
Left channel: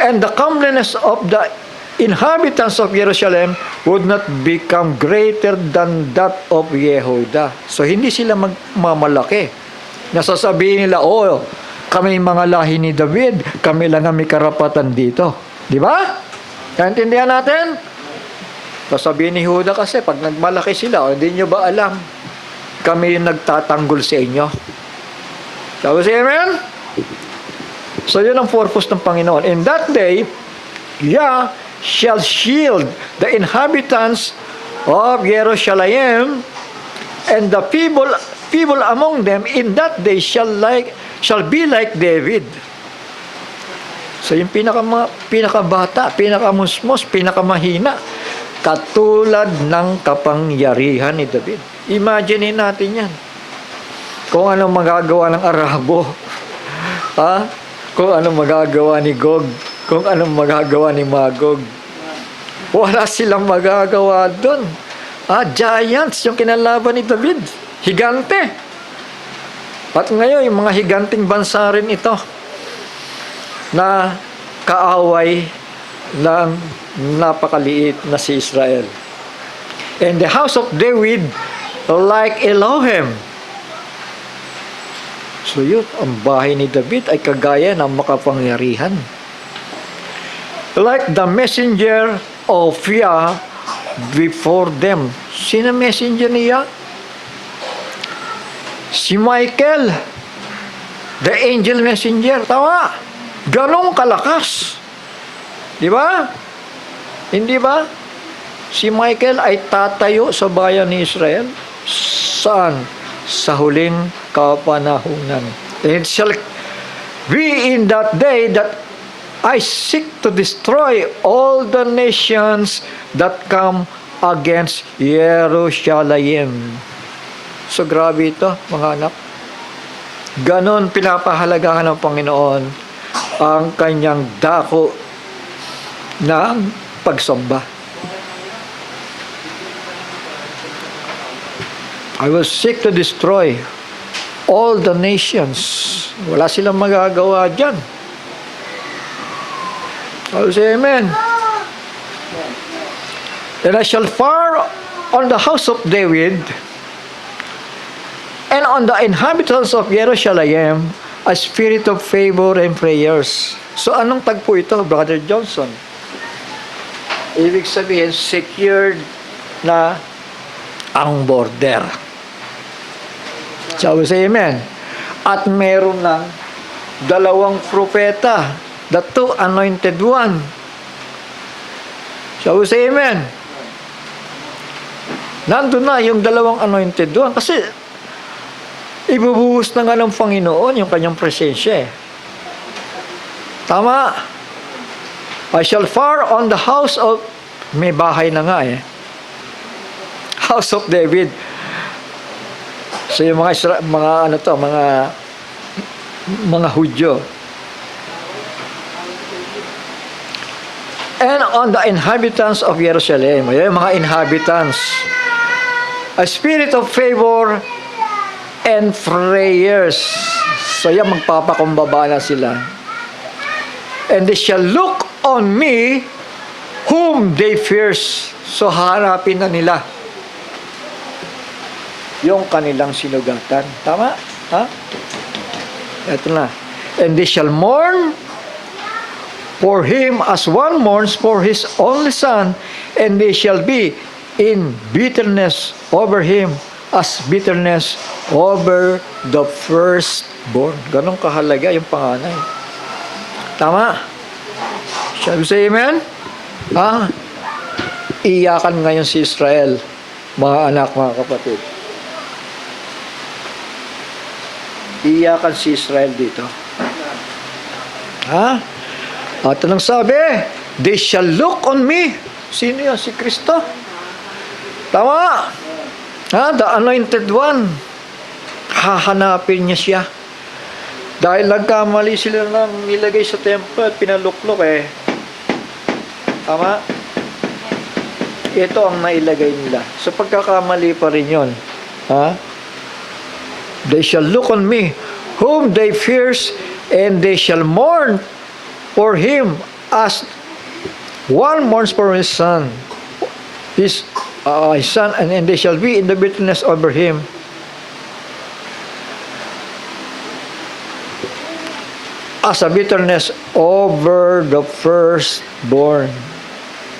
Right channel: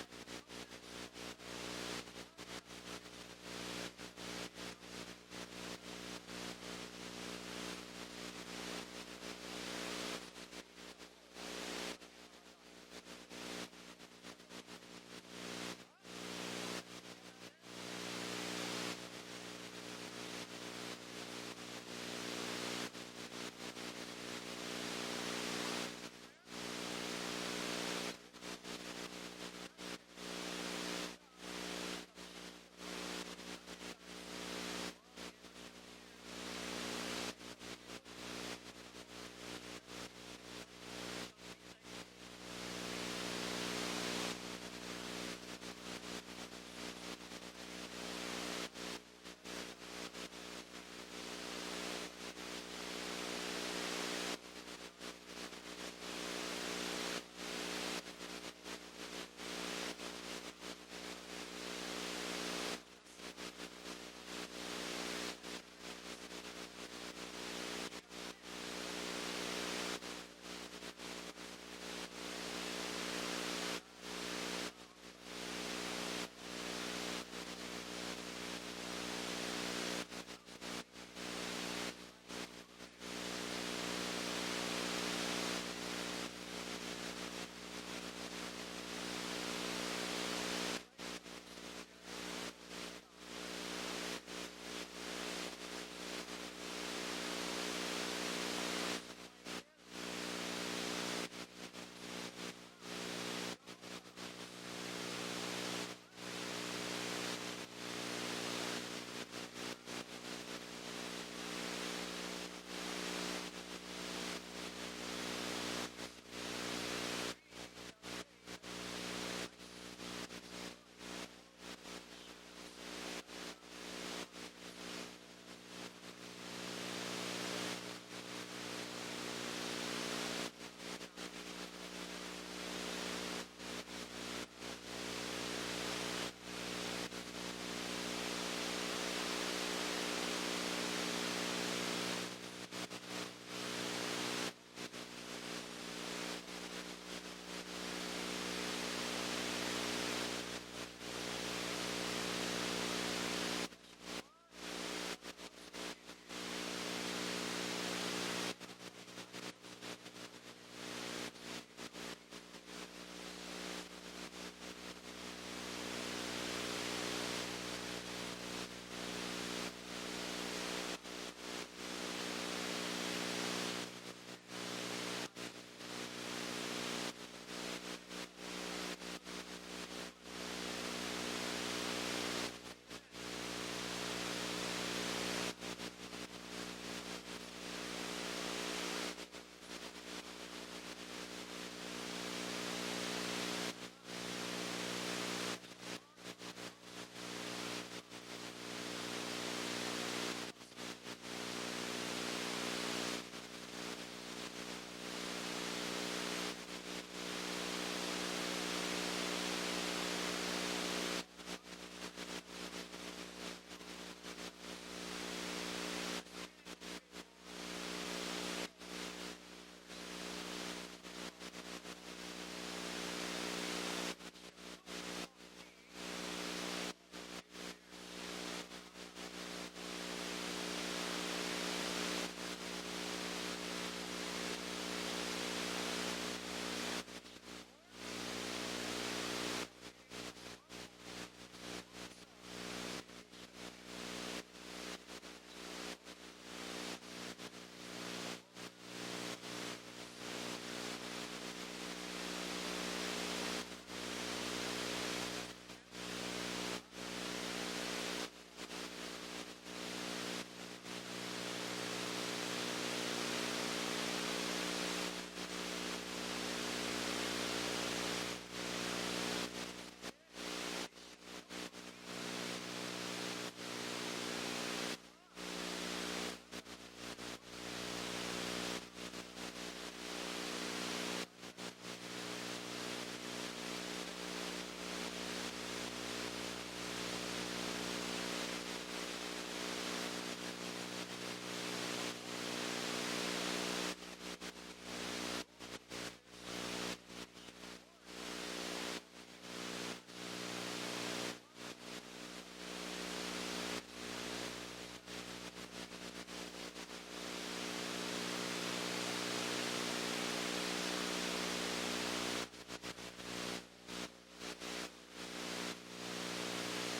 and the comeliness of the inhabitants of Jerusalem would not become greater than that of Yehuda. So, hindi sila magmamalaki. Nasasabihin nila, oh, kami mga lahi ni David, kami lang ang may karapatan dito. Di ba? Naintindihan natin? Sasabihin ni Yehuda kasi, pag nagmalaki sila, oh, hindi nyo ba alam, kami yung nagtatanggol sa inyo. Sabi siya, amen? So, yun ang purpose ng Panginoon. In that day, Yah shall shield the inhabitants of Jerusalem, and the people among them in that day shall be like David. So yung pinakabata, pinakamusmos, pinakamahina, katulad ng kapangyarihan ni David. Imagine natin yan. Kung anong magagawa ng Arabo, ha? Kung anong magagawa ni Gog, kung anong magagawa ni Magog. Wala silang magagawa doon. Giants yung kinalaban ni David. Higante. At ngayon, yung mga higanting bansa rin ito na kaaway ng napakaliit na si Israel. And the house of David like Elohim. So yun, ang bahay ni David ay kagaya ng makapangyarihan. Like the messenger of Yah before them. Sino messenger niya? Si Michael, the angel messenger. Tama? Ganong kalakas. Di ba? Hindi ba? Si Michael ay tatayo sa bayan ni Israel. Saan? Sa huling kapanahunan. It shall be in that day that I seek to destroy all the nations that come against Jerusalem. So grabe ito, mga anak. Ganon pinapahalagahan ng Panginoon ang kanyang dako ng pagsamba. I will seek to destroy all the nations. Wala silang magagawa dyan. I will say amen. And I shall fire on the house of David and on the inhabitants of Jerusalem a spirit of favor and prayers. So anong tagpo ito, Brother Johnson? Ibig sabihin, secured na ang border. Shall we say amen? At meron ng dalawang propeta, the two anointed one. Shall we say amen? Nandun na yung dalawang anointed one. Kasi ibubuhos na nga ng Panginoon yung kanyang presensya. Tama? I shall fire on the house of, may bahay na nga house of David. So yung mga Hudyo. And on the inhabitants of Jerusalem, yung mga inhabitants, a spirit of favor and prayers. So yan, magpapakumbaba na sila. And they shall look on me whom they fear. So harapin na nila yung kanilang sinugatan. Tama? Ha? Ito na. And they shall mourn for him as one mourns for his only son, and they shall be in bitterness over him as bitterness over the firstborn. Ganong kahalaga yung panganay. Tama? Shall we say amen? Ha? Iyakan ngayon si Israel, mga anak, mga kapatid. Iyakan si Israel dito. Ha? At anong sabi? They shall look on me. Sino yun? Si Kristo. Tama. Ha? The anointed one. Hahanapin niya siya. Dahil nagkamali sila nang nilagay sa temple at pinaluklok Tama? ito ang nailagay nila. So pagkakamali pa rin yun. Ha? They shall look on me, whom they fears, and they shall mourn for him as one mourns for his son. His son, and they shall be in the bitterness over him. As a bitterness over the firstborn.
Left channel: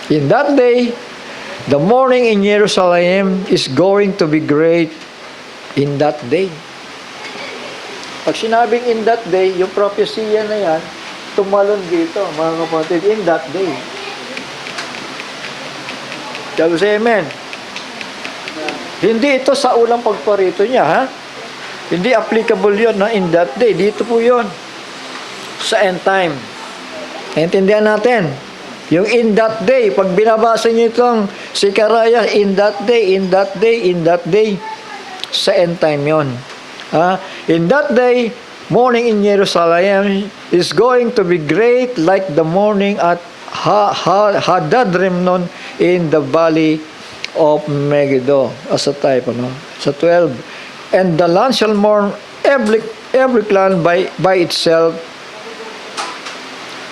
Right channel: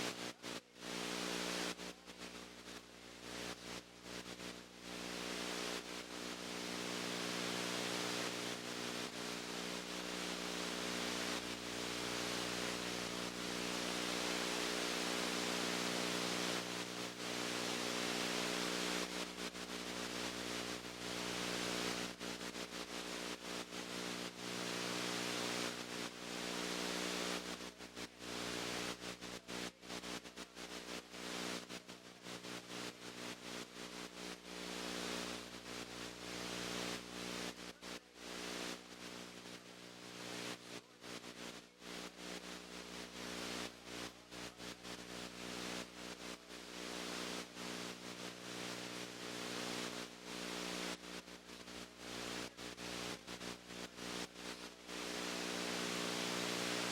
In that day, the mourning in Jerusalem is going to be great in that day. Pag sinabing in that day, yung propesya na yan, tumalon dito, mga kapatid, in that day. Sabi sa amen. Hindi ito sa ulang pagparito niya, ha? Hindi applicable yun, na in that day. Dito po yun. Sa end time. Naintindihan natin. Yung in that day, pag binabasa niyo itong Zechariah, in that day, in that day, in that day, sa end time yon. In that day, morning in Jerusalem is going to be great like the morning at Hadadrimnon in the valley of Megiddo. As a type, sa 12. And the land shall mourn every clan by itself,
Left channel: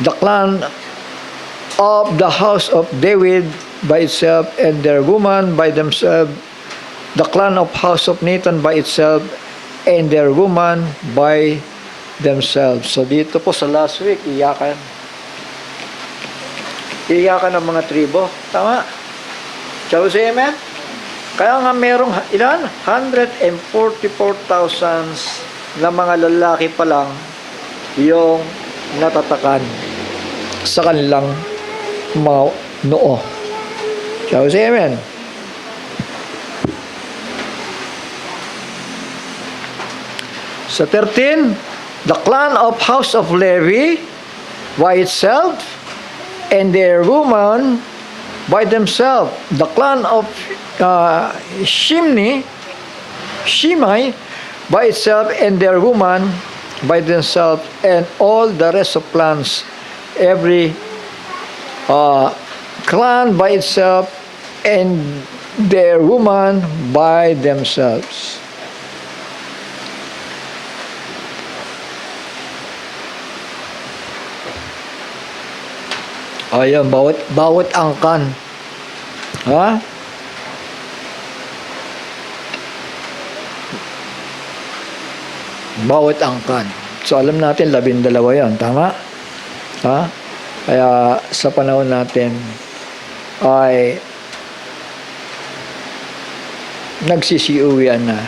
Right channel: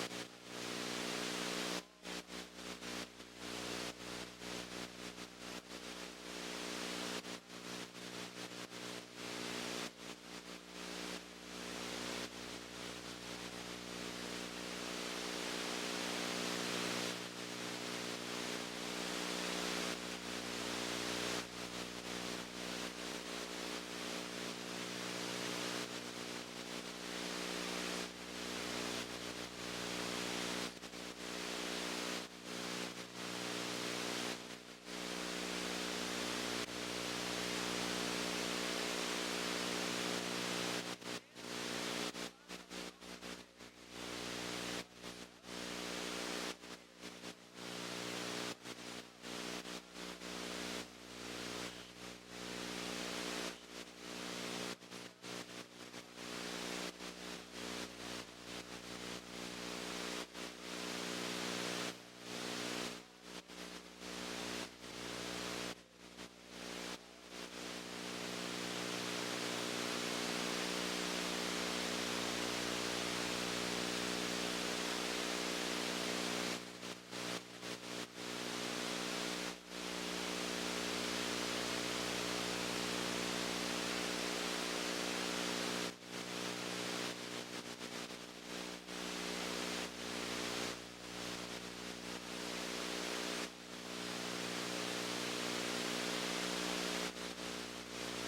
the clan of the house of David by itself, and their woman by themselves, the clan of house of Nathan by itself, and their woman by themselves. So dito po sa last week, iyakan ng mga tribo. Tama? Shall we say amen? Kaya nga merong ilan? 144,000 na mga lalaki pa lang yung natatakan sa kanilang mga noo. Shall we say amen? Sa 13, the clan of house of Levi by itself, and their woman by themselves. The clan of Shimei by itself, and their woman by themselves, and all the rest of clans, every clan by itself, and their woman by themselves. Ayan, bawat angkan. Ha? Bawat angkan. So alam natin 12 yan, tama? Ha? Kaya sa panahon natin ay nagsisiuwian na.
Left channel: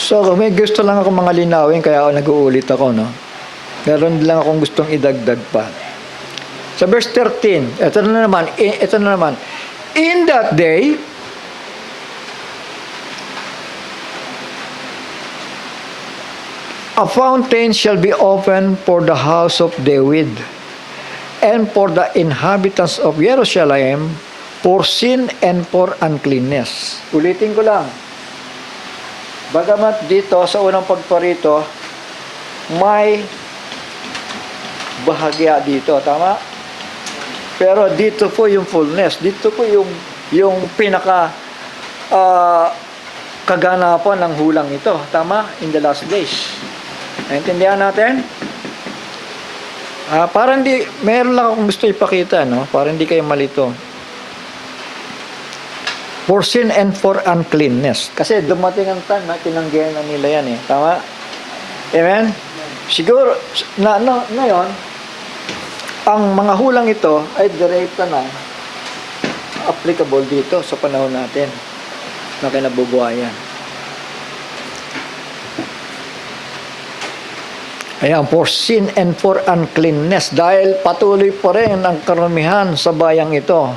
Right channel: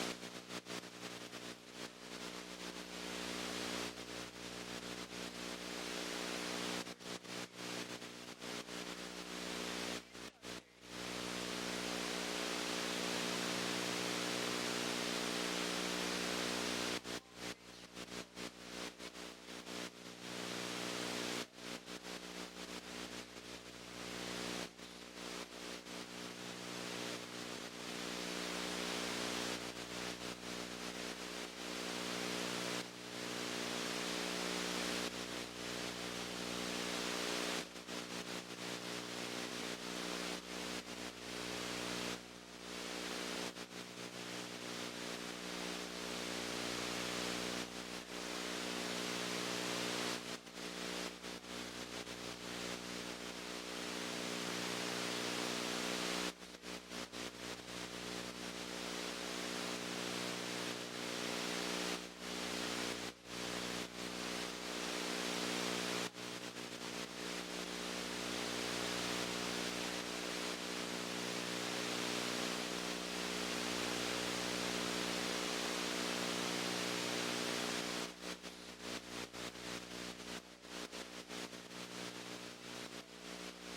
So may gusto lang ako mga linawin, kaya nag-uulit ako, no? Meron lang akong gustong idagdag pa. Sa verse 13, ito na naman. In that day, a fountain shall be opened for the house of David, and for the inhabitants of Jerusalem, for sin and for uncleanness. Ulitin ko lang. Bagamat dito, sa unang pagparito, may bahagya dito, tama? Pero dito po yung fullness, dito po yung pinaka kaganapan ng hulang ito, tama? In the last days. Naintindihan natin? Parang meron lang akong gusto ipakita, no? Para hindi kayo malito. For sin and for uncleanness. Kasi dumating ang time na tinanggihan na nila yan, tama? Amen? Siguro, ngayon, ang mga hulang ito ay direkta na applicable dito sa panahon natin na kinabubuhayan. Ayan, for sin and for uncleanness, dahil patuloy pa rin ang karamihan sa bayang ito.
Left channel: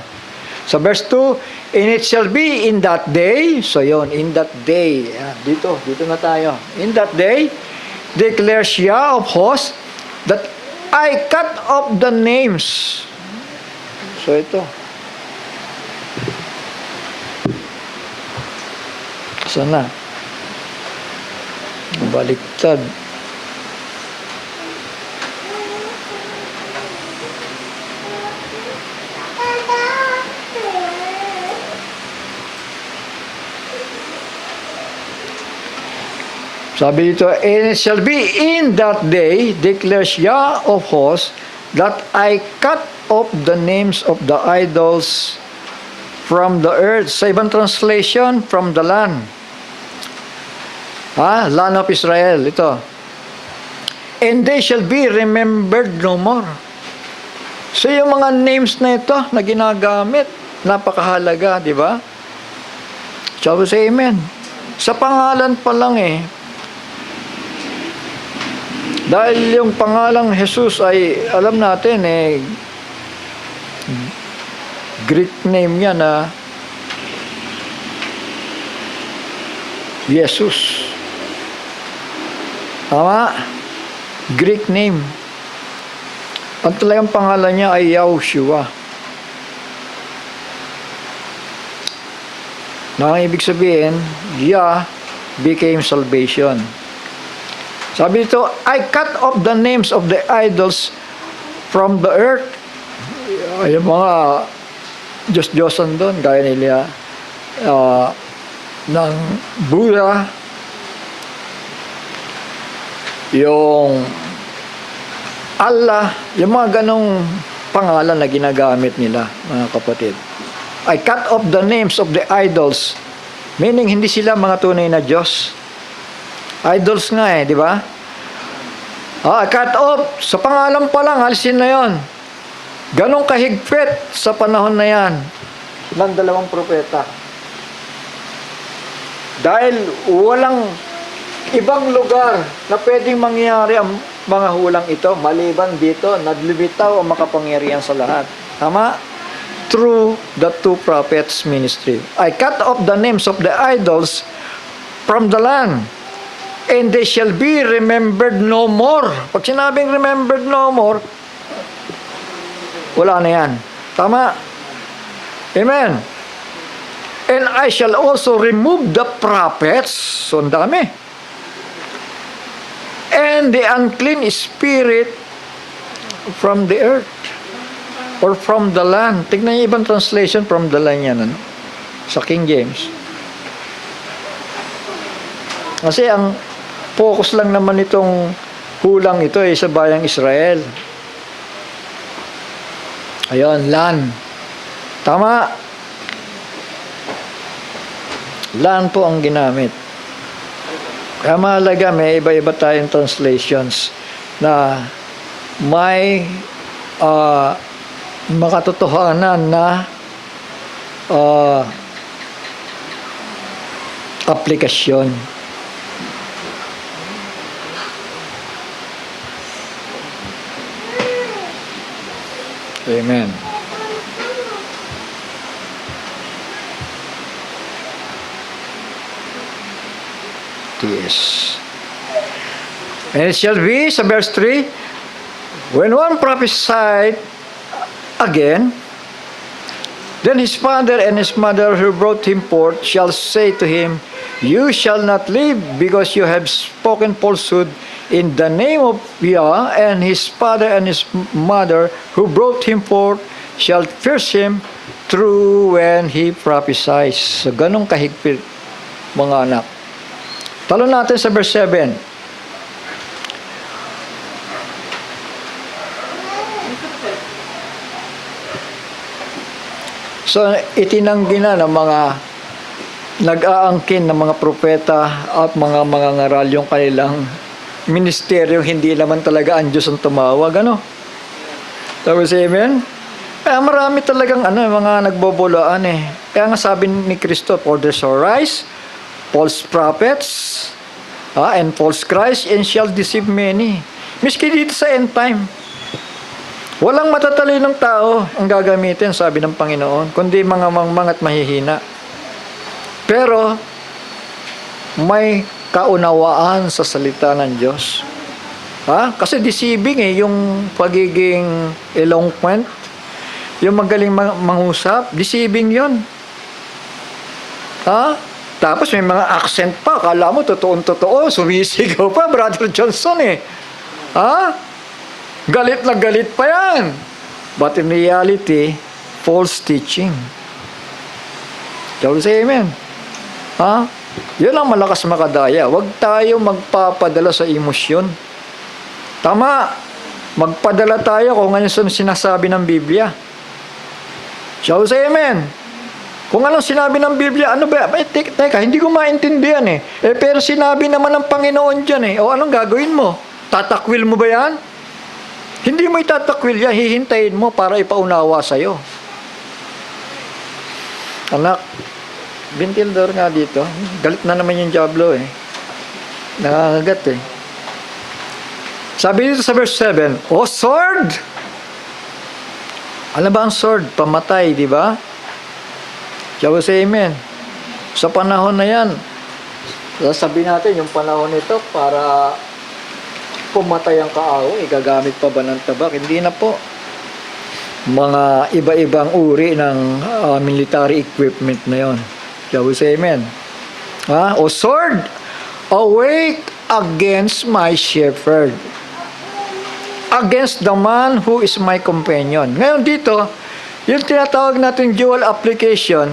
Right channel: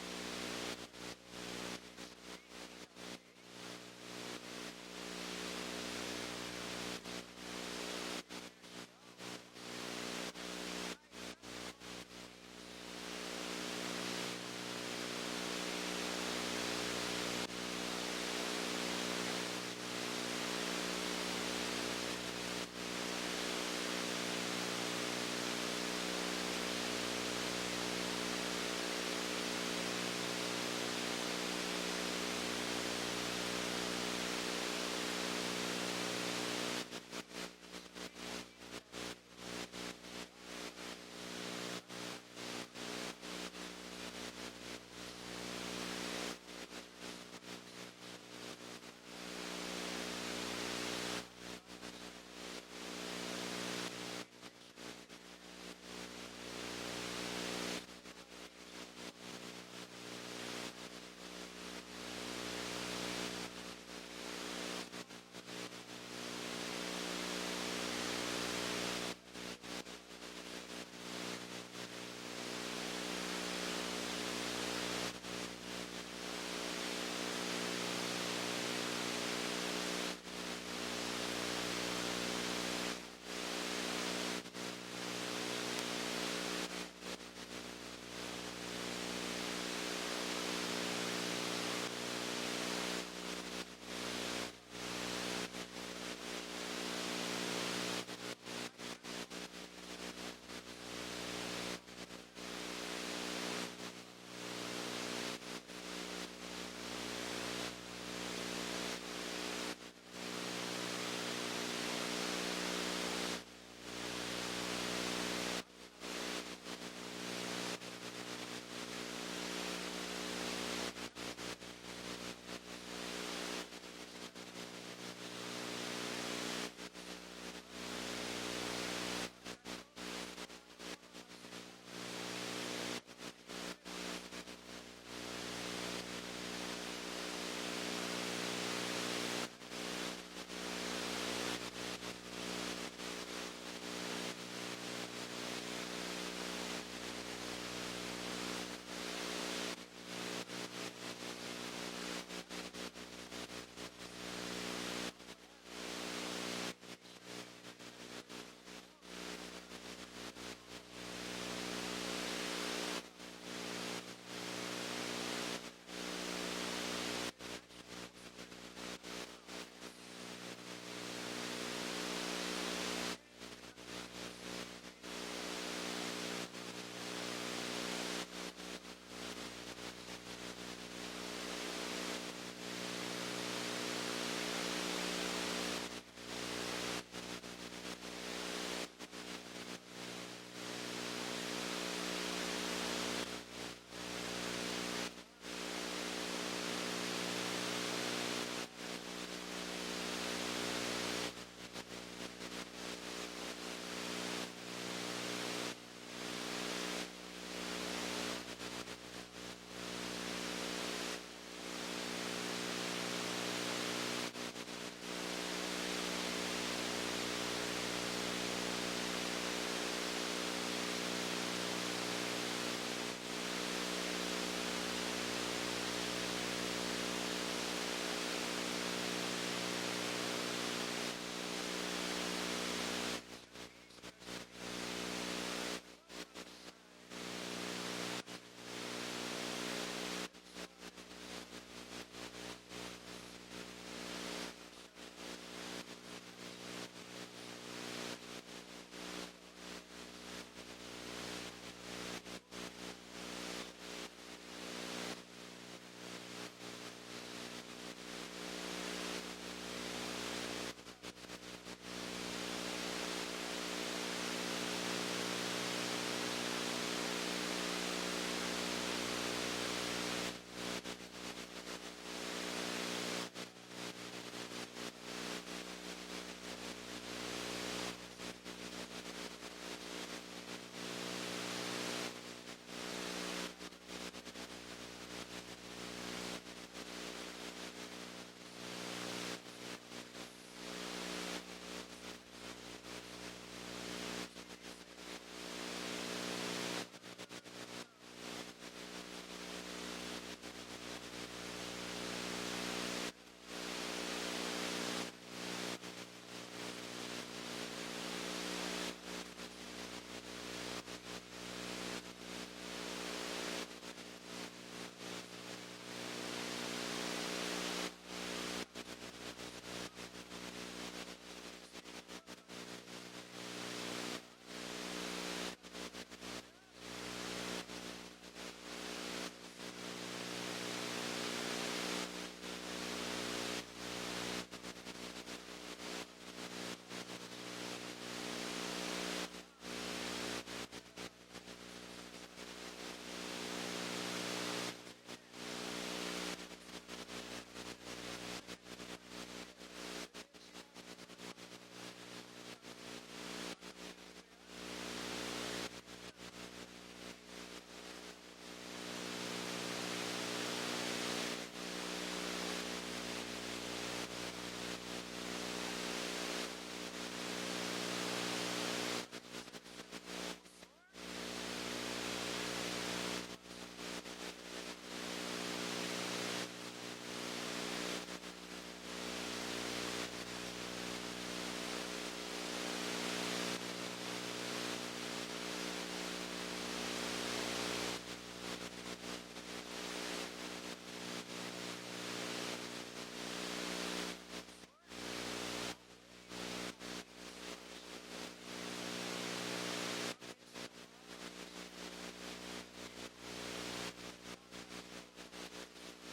Sa verse 2, and it shall be in that day, so yon, in that day, dito na tayo. In that day, declares Yah of hosts, that I cut off the names. So ito. Sana. Baliktad. Sabi dito, and it shall be in that day, declares Yah of hosts, that I cut off the names of the idols from the earth. Sa ibang translation, from the land. Land of Israel. Ito. And they shall be remembered no more. So yung mga names na ito na ginagamit, napakahalaga, di ba? Shall we say amen? Sa pangalan pa lang dahil yung pangalang Jesus ay, alam natin Greek name niya na Jesus. Tama? Greek name. Ang talagang pangalan niya ay Yahushua. Na ang ibig sabihin, Yah became salvation. Sabi dito, I cut off the names of the idols from the earth. Ay, mga Diyos-Diyosan doon, gaya nila ng Buddha, yung Allah, yung mga ganong pangalan na ginagamit nila, mga kapatid. I cut off the names of the idols, meaning hindi sila mga tunay na Diyos. Idols nga di ba? Cut off, sa pangalan pa lang, alisin na yon. Ganong kahigpit sa panahon na yan ng dalawang propeta. Dahil walang ibang lugar na pwedeng mangyari ang mga hulang ito, maliban dito, naglibitaw ang makapangyarihan sa lahat. Tama? Through the two prophets' ministry. I cut off the names of the idols from the land, and they shall be remembered no more. Pag sinabing remembered no more, wala na yan. Tama? Amen. And I shall also remove the prophets, so ang dami, and the unclean spirit from the earth, or from the land. Tignan yung ibang translation, from the land yan, sa King James. Kasi ang focus lang naman itong hulang ito sa bayang Israel. Ayun, land. Tama. Land po ang ginamit. Kaya mahalaga, may iba-iba tayong translations na may makatotohanan na aplikasyon. Amen. Yes. And it shall be, sa verse 3, when one prophesied again, then his father and his mother who brought him forth shall say to him, you shall not live, because you have spoken falsehood in the name of Yah. And his father and his mother who brought him forth shall curse him through when he prophesies. So, ganong kahigpit, mga anak. Talo natin sa verse 7. So, itinanggi na ng mga nag-aangkin ng mga propeta at mga ngaral yung kanilang ministeryo, hindi naman talaga ang Diyos ang tumawag, Tapos, amen? Kaya marami talagang mga nagbobolaan Kaya nga sabi ni Kristo, for there shall rise false prophets and false Christ, and shall deceive many. Miski dito sa end time, walang matatalinong tao ang gagamitin, sabi ng Panginoon, kundi mga mangmang at mahihina. Pero may kaunawaan sa salita ng Diyos. Kasi deceiving yung pagiging eloquent, yung magaling mangusap, deceiving yun. Tapos may mga accent pa, kala mo totoong-totoo, sumisigaw pa, Brother Johnson Galit na galit pa yan. But in reality, false teaching. Shall we say amen? Yun ang malakas makadaya. Huwag tayo magpapadala sa emosyon. Tama. Magpadala tayo kung ano sinasabi ng Biblia. Shall we say amen? Kung anong sinabi ng Biblia, ano ba? Teka, hindi ko maintindihan eh. Pero sinabi naman ng Panginoon dyan eh. O anong gagawin mo? Tatakwil mo ba yan? Hindi mo itatakwil yan. Hihintayin mo para ipaunawa sa'yo. Anak, ventilador nga dito. Galit na naman yung Diablo eh. Nakakagat eh. Sabi dito sa verse 7, O sword! Ano ba ang sword? Pamatay, di ba? Shall we say amen? Sa panahon na yan, sasabihin natin yung panahon nito para pumatay ang kaaway, gagamit pa ba ng tabak? Hindi na po. Mga iba-ibang uri ng military equipment na yon. Shall we say amen? O sword, awake against my shepherd, against the man who is my companion. Ngayon dito, yung tinatawag natin dual application,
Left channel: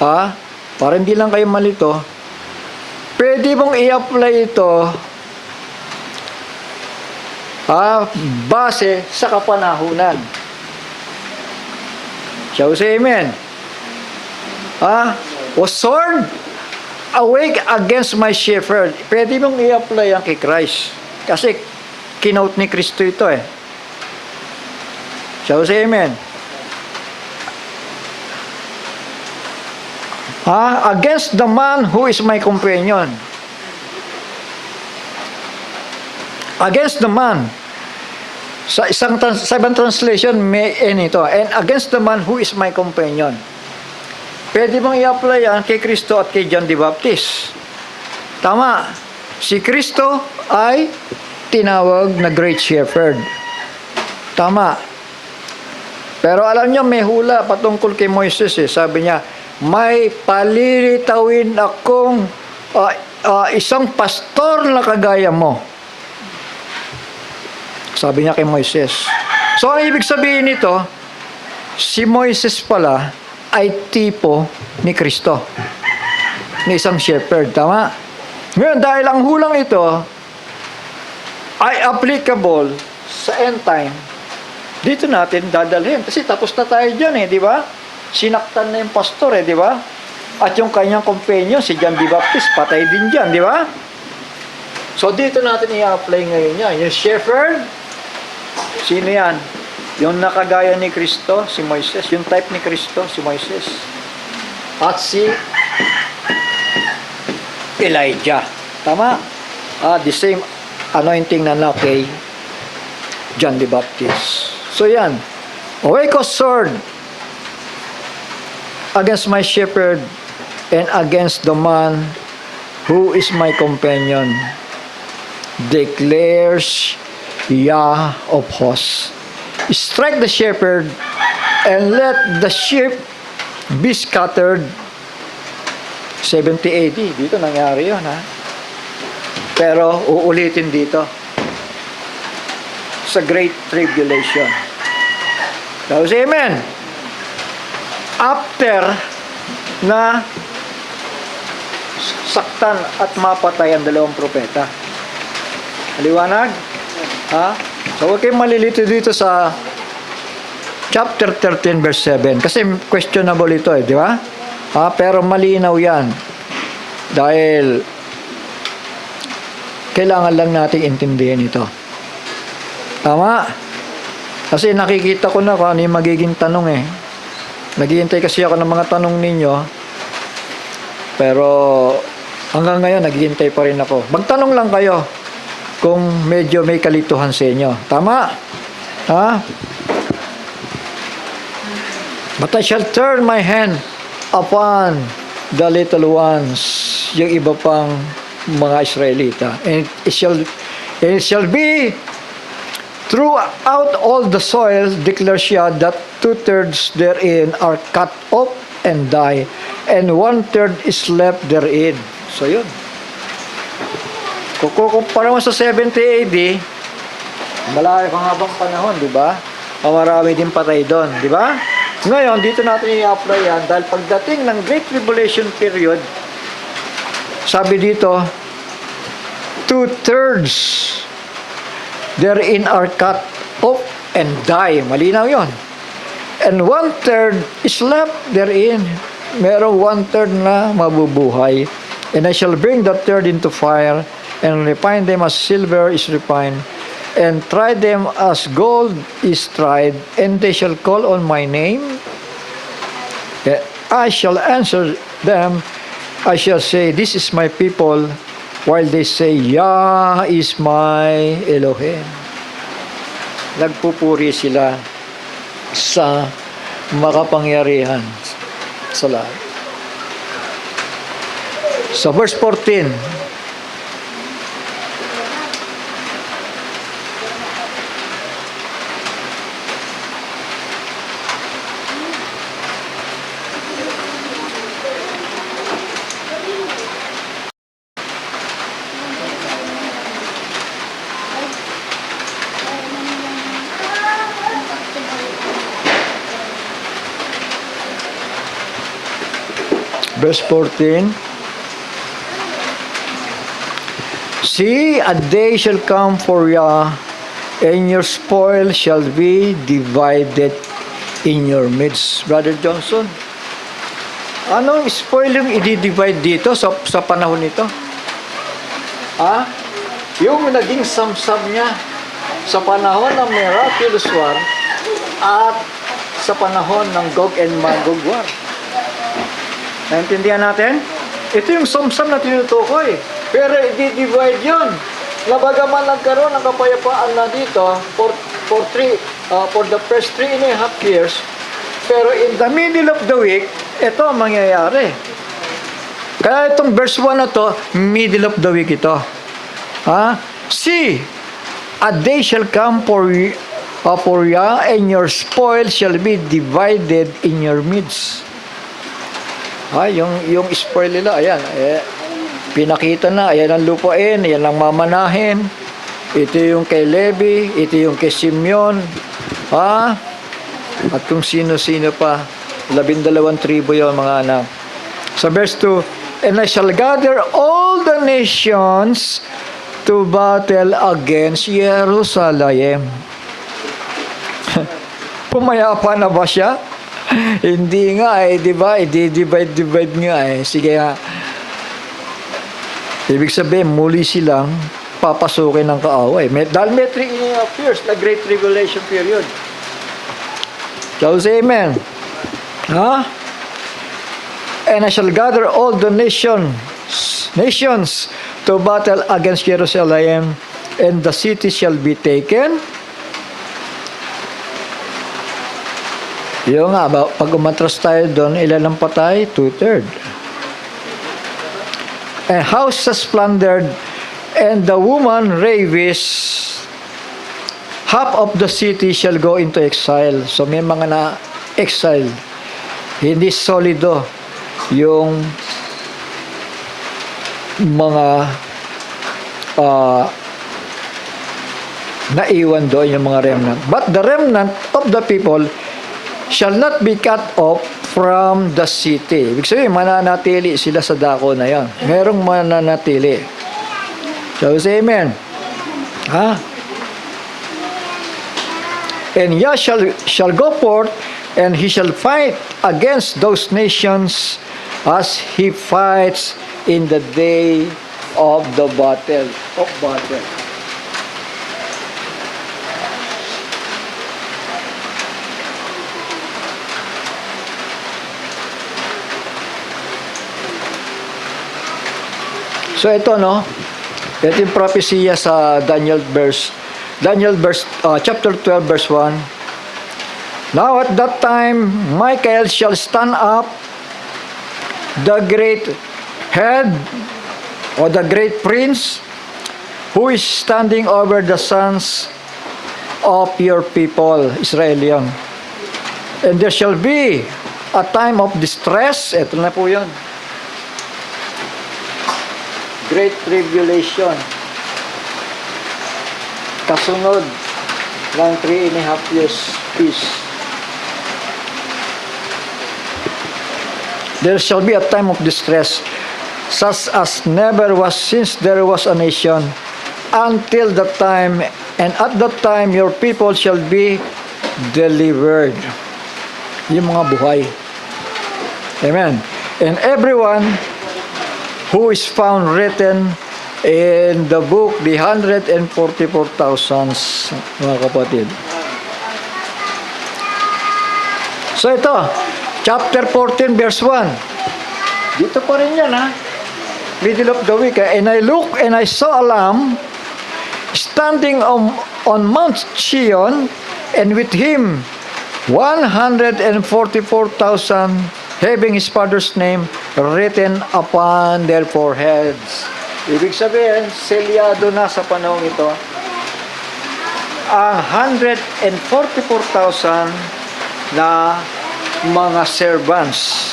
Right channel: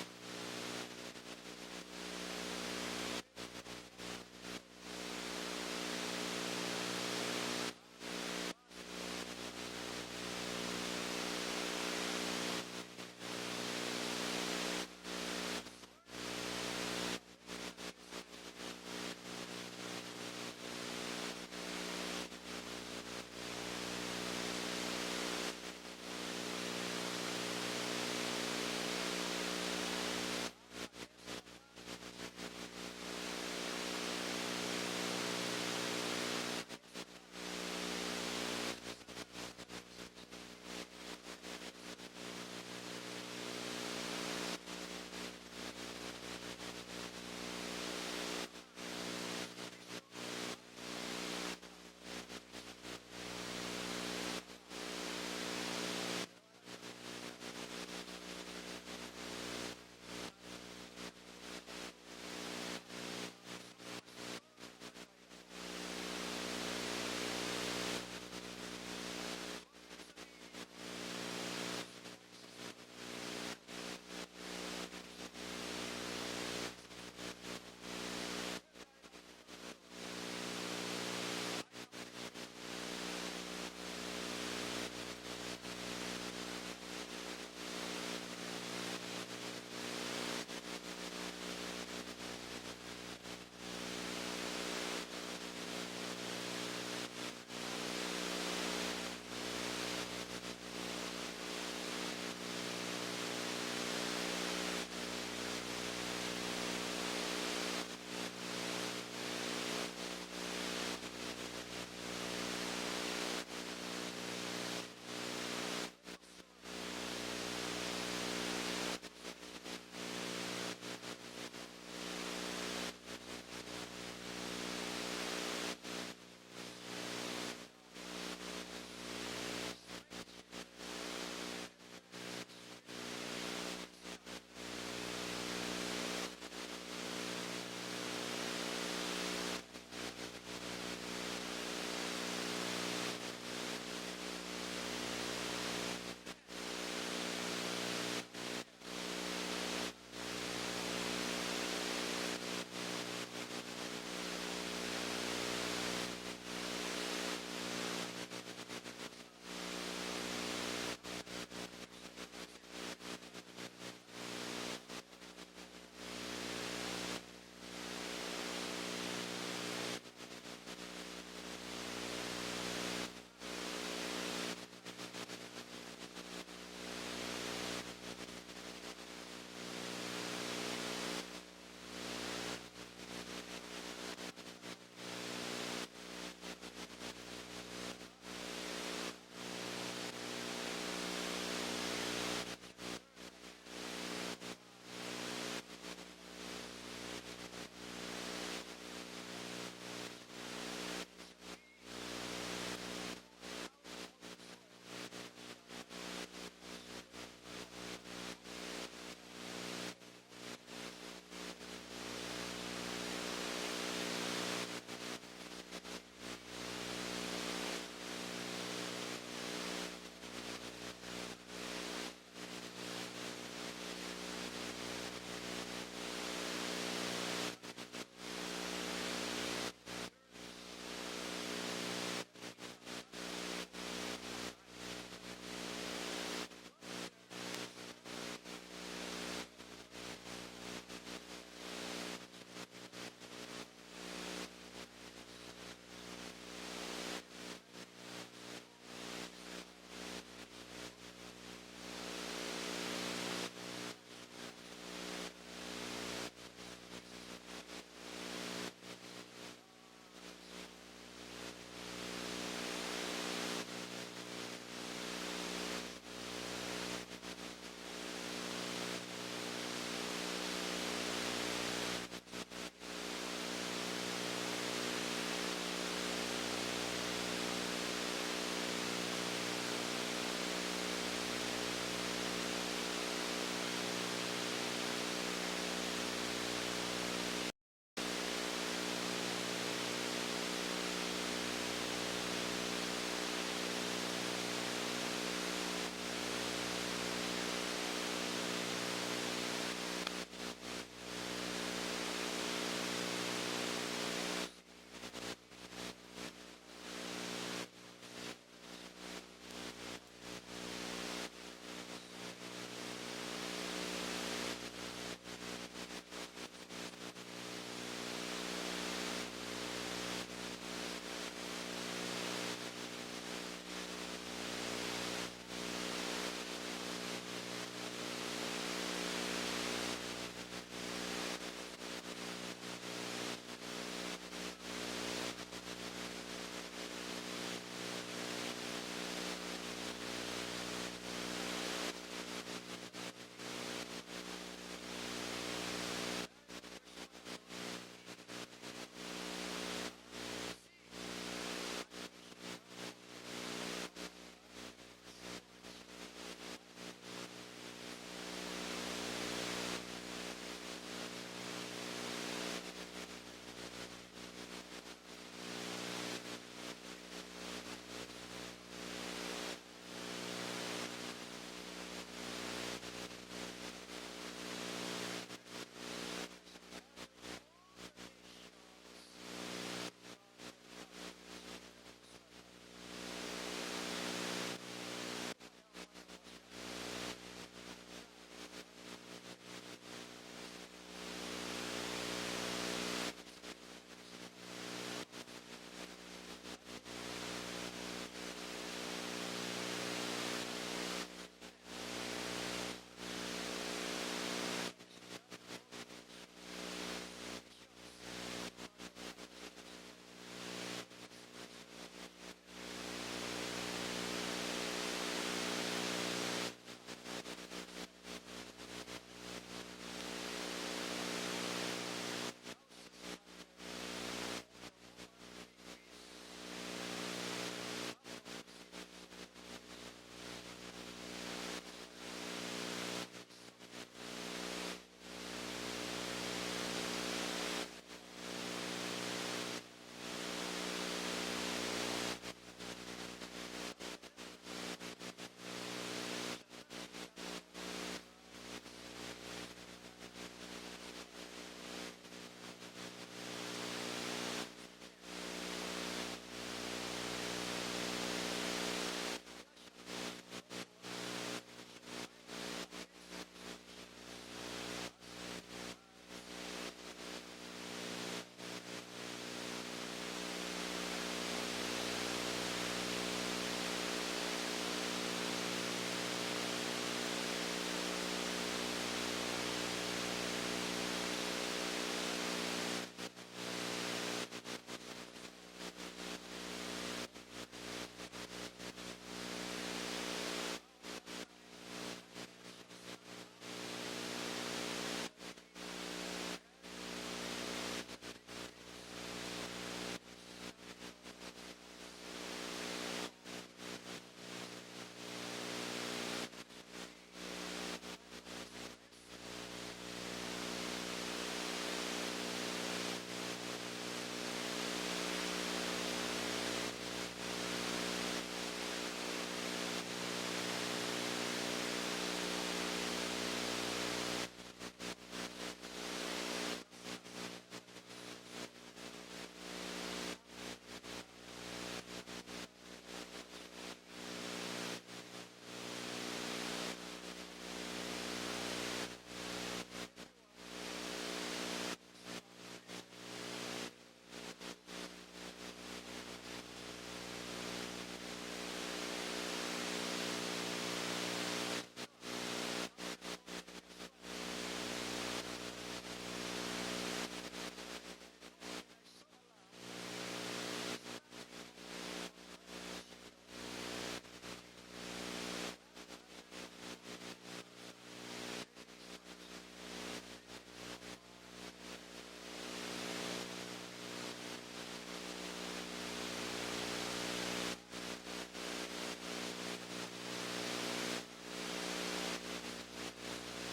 para hindi lang kayo malito, pwede mong i-apply ito base sa kapanahunan. Shall we say amen? O sword, awake against my shepherd. Pwede mong i-apply yan kay Christ. Kasi kinote ni Kristo ito eh. Shall we say amen? Against the man who is my companion. Against the man. Sa isang translation, may ito. And against the man who is my companion. Pwede bang i-apply yan kay Kristo at kay John the Baptist? Tama. Si Kristo ay tinawag na Great Shepherd. Tama. Pero alam niyo, may hula patungkol kay Moises eh. Sabi niya, may palilitawin akong isang pastor na kagaya mo. Sabi niya kay Moises. So, ang ibig sabihin nito, si Moises pala ay tipo ni Kristo. Ni isang shepherd. Tama? Ngayon, dahil ang hulang ito ay applicable sa end time, dito natin dadalhin. Kasi tapos na tayo dyan eh, di ba? Sinaktan na yung pastor eh, di ba? At yung kanyang companion, si John the Baptist, patay din dyan, di ba? So, dito natin i-apply ngayon yan. Yung shepherd, sino yan? Yung nakagaya ni Kristo, si Moises. Yung type ni Kristo, si Moises. At si Elijah. Tama? The same anointing na kay John the Baptist. So yan. Awake, O sword, against my shepherd and against the man who is my companion, declares Yah of hosts. Strike the shepherd and let the sheep be scattered. 70 AD. Dito nangyari yun, ha? Pero uulitin dito sa Great Tribulation. So, say amen. After na saktan at mapatay ang dalawang propeta. Liwanag? So, huwag kayong malilito dito sa chapter 13 verse 7. Kasi questionable ito eh, di ba? Pero malinaw yan. Dahil kailangan lang nating intindihin ito. Tama? Kasi nakikita ko na kung ano yung magiging tanong eh. Naghihintay kasi ako ng mga tanong ninyo. Pero hanggang ngayon, naghihintay pa rin ako. Magtanong lang kayo kung medyo may kalituhan sa inyo. Tama? But I shall turn my hand upon the little ones, yung iba pang mga Israelita. And it shall be throughout all the soil, declares Yah, that 2/3 therein are cut off and die, and 1/3 is left therein. So yun. Kung kumpara mo sa 70 AD, malayo pang habang panahon, di ba? Marami din patay doon, di ba? Ngayon, dito natin i-apply yan dahil pagdating ng Great Tribulation period, Sabi dito, 2/3 therein are cut off and die. Malinaw yon. And 1/3 is left therein. Merong 1/3 na mabubuhay. And I shall bring the third into fire, and refine them as silver is refined, and try them as gold is tried, and they shall call on my name. I shall answer them. I shall say, this is my people, while they say, Yah is my Elohim. Nagpupuri sila sa makapangyarihan sa lahat. Sa verse 14, verse 14, see, a day shall come for Yah, and your spoil shall be divided in your midst. Brother Johnson, anong spoil yung i-divide dito sa panahon nito? Ha? Yung naging samsam niya sa panahon ng miraculous war at sa panahon ng Gog and Magog war. Naintindihan natin? Ito yung samsam na tinutukoy. Pero i-divide yun. Nabagaman nagkaroon ng kapayapaan na dito for the first 3.5 years. Pero in the middle of the week, ito ang mangyayari. Kaya itong verse 1 na to, middle of the week ito. Ha? See, a day shall come for Yah, and your spoil shall be divided in your midst. Yung spoil nila, ayan, pinakita na, ayan ang lupain, ayan ang mamanahin. Ito yung kay Levi, ito yung kay Simeon, at kung sino-sino pa, 12 tribo yung mga anak. Sa verse 2, and I shall gather all the nations to battle against Jerusalem. Pumayapa na ba siya? Hindi nga di ba? I-divide nga Sige nga. Ibig sabihin, muli silang papasukin ng kaaway. Dahil may 3.5 years na Great Tribulation period. So, say amen. And I shall gather all the nations to battle against Jerusalem, and the city shall be taken. Yung nga, pag umatras tayo doon, ilan ang patay? 2/3. And houses plundered, and the woman ravished. Half of the city shall go into exile. So may mga na-exile. Hindi solido yung mga naiwan doon, yung mga remnant. But the remnant of the people shall not be cut off from the city. Ibig sabihin, mananatili sila sa dako na yan. Merong mananatili. So, say amen. And Yah shall go forth, and he shall fight against those nations as he fights in the day of the battle. So ito ito yung propesya sa Daniel chapter 12 verse 1. Now at that time Michael shall stand up, the great head or the great prince, who is standing over the sons of your people, Israelian. And there shall be a time of distress. Ito na po yun. Great Tribulation. Kasunod ng 3.5 years peace. There shall be a time of distress. such as never was since there was a nation, until the time, and at that time your people shall be delivered. Yung mga buhay. Amen. And everyone who is found written in the book, the 144,000, mga kapatid. So ito, chapter 14, verse 1. Dito pa rin yan, ha? Middle of the week. And I looked and I saw a lamb standing on Mount Zion, and with him 144,000, having his father's name written upon their foreheads. Ibig sabihin, selyado na sa panahon ito ang 144,000 na mga servants.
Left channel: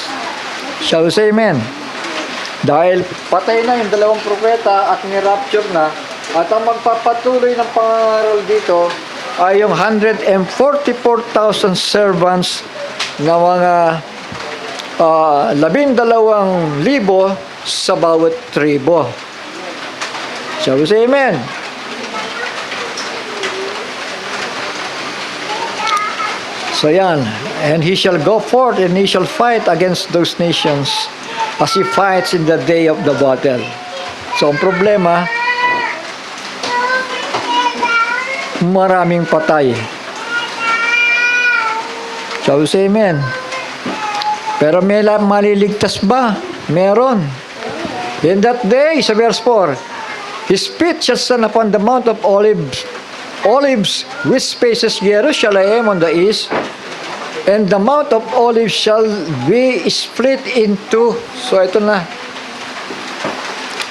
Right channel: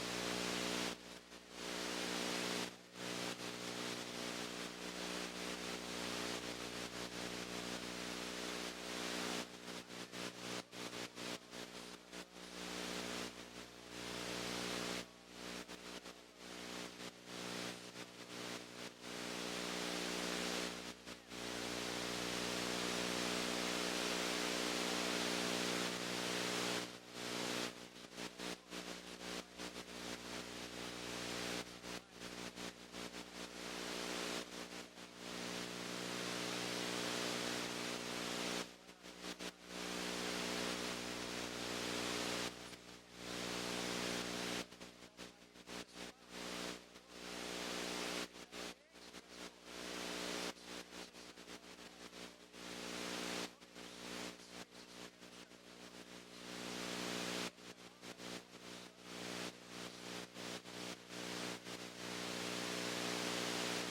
Shall we say amen? Dahil patay na yung dalawang propeta at ni-rapture na, at ang magpapatuloy ng pangaral dito ay yung 144,000 servants na mga 12,000 sa bawat tribo. Shall we say amen? So yan, and he shall go forth and he shall fight against those nations as he fights in the day of the battle. So ang problema, maraming patay. Shall we say amen? Pero may maliligtas ba? Meron. In that day, sa verse 4, his feet shall stand upon the Mount of Olives, which faces Jerusalem on the east, and the Mount of Olives shall be split into. So ito na.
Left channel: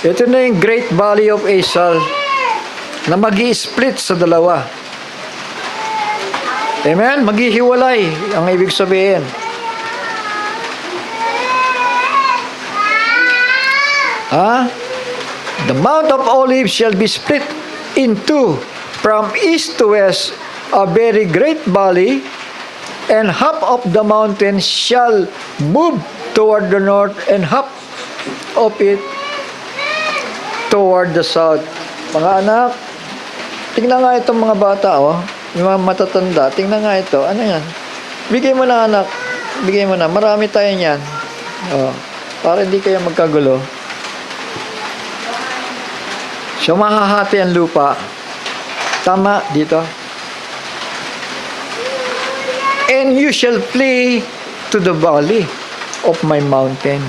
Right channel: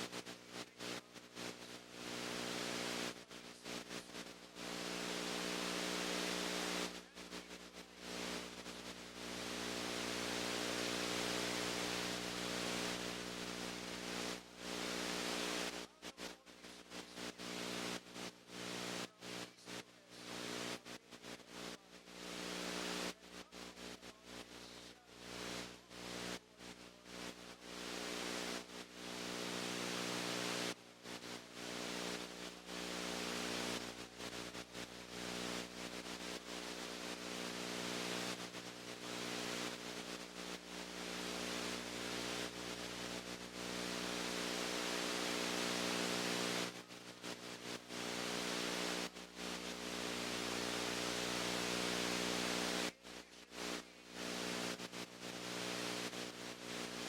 Ito na yung Great Valley of Asal na magi-split sa dalawa. Amen? Maghihiwalay ang ibig sabihin. The Mount of Olives shall be split in two from east to west, a very great valley, and half of the mountain shall move toward the north, and half of it toward the south. Mga anak, tingnan nga itong mga bata, oh. Yung mga matatanda, tingnan nga ito. Ano yan? Bigay mo na, anak. Bigay mo na. Marami tayo niyan. Oh, para hindi kayo magkagulo. So, mahahati ang lupa. Tama, dito. And you shall flee to the valley of my mountain.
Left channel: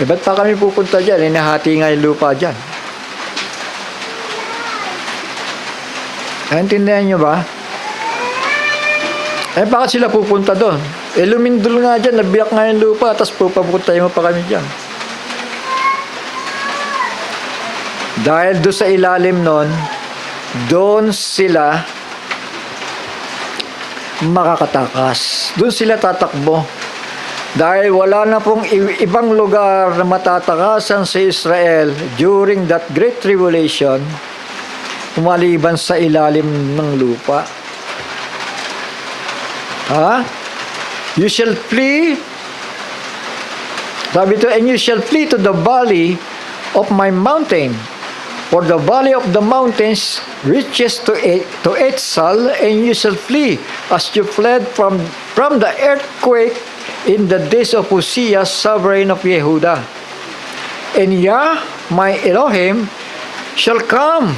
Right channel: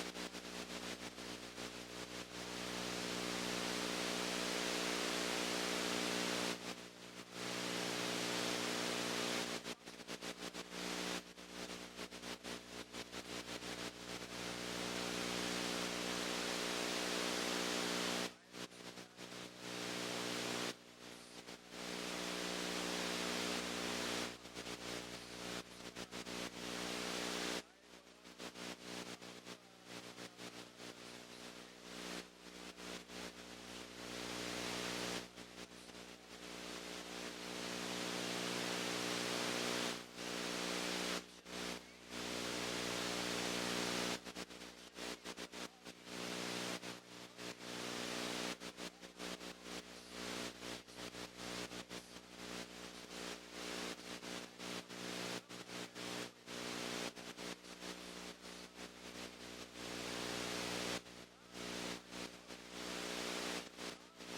Eh, ba't pa kami pupunta dyan? Inahati nga yung lupa dyan. Naintindihan nyo ba? Eh, bakit sila pupunta doon? Eh, lumindol nga dyan, nabiyak nga yung lupa, tapos pupunta mo pa kami dyan. Dahil doon sa ilalim nun, doon sila makakatakas. Doon sila tatakbo. Dahil wala na pong ibang lugar na matatakasan sa Israel during that great tribulation, maliban sa ilalim ng lupa. You shall flee, sabi ito, and you shall flee to the valley of my mountain. For the valley of the mountains reaches to Etzal, and you shall flee as you fled from the earthquake in the days of Uzziah, sovereign of Yehuda. And Yah, my Elohim, shall come,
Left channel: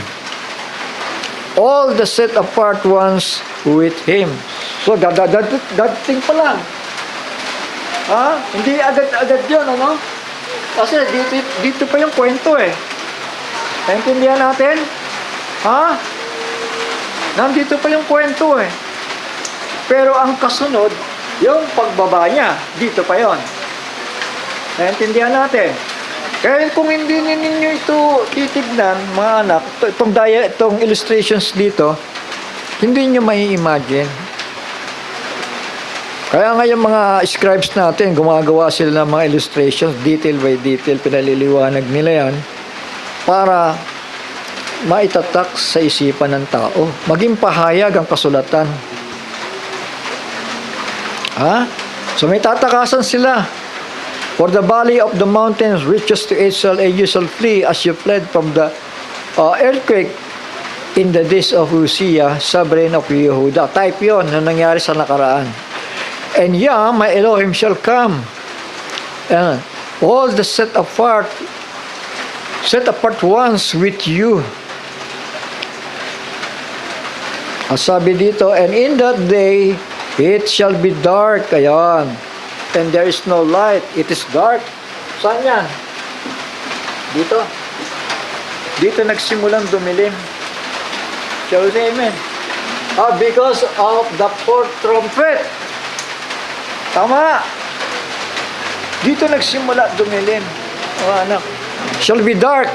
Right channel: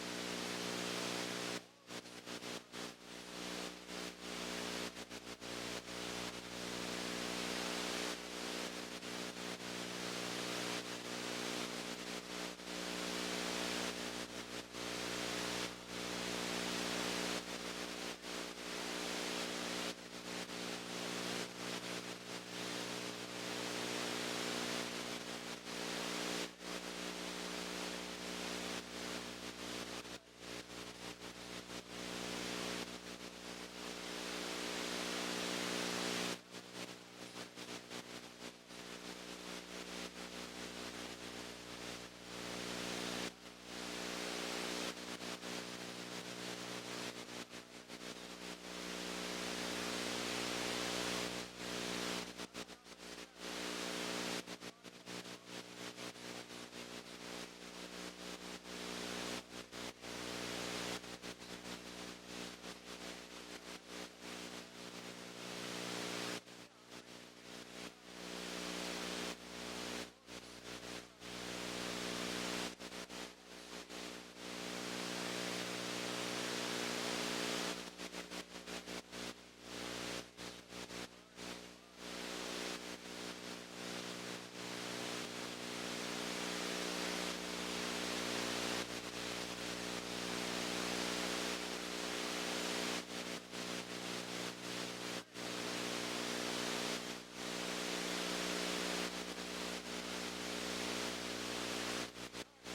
all the set apart ones with him. So, dadating pa lang. Hindi agad-agad yun, ano? Kasi dito pa yung kwento eh. Naintindihan natin? Nandito pa yung kwento eh. Pero ang kasunod, yung pagbaba niya, dito pa yon. Naintindihan natin? Kaya kung hindi ninyo ito titignan, mga anak, itong illustrations dito, hindi nyo may imagine. Kaya nga yung mga scribes natin, gumagawa sila ng mga illustrations, detail by detail, pinaliliwanag nila yan, para maitatak sa isipan ng tao. Maging pahayag ang kasulatan. So may tatakasan sila. For the valley of the mountains reaches to Israel, and you shall flee as you fled from the earthquake in the days of Uzziah, sovereign of Yehuda. Type yon na nangyari sa nakaraan. And Yah, my Elohim, shall come. And all the set apart ones with you. Ang sabi dito, and in that day, it shall be dark. Ayan. And there is no light. It is dark. Saan yan? Dito. Dito nagsimulang dumilim. Shall we say amen? Because of the fourth trumpet. Tama. Dito nagsimula dumilim. Anak. Shall be dark.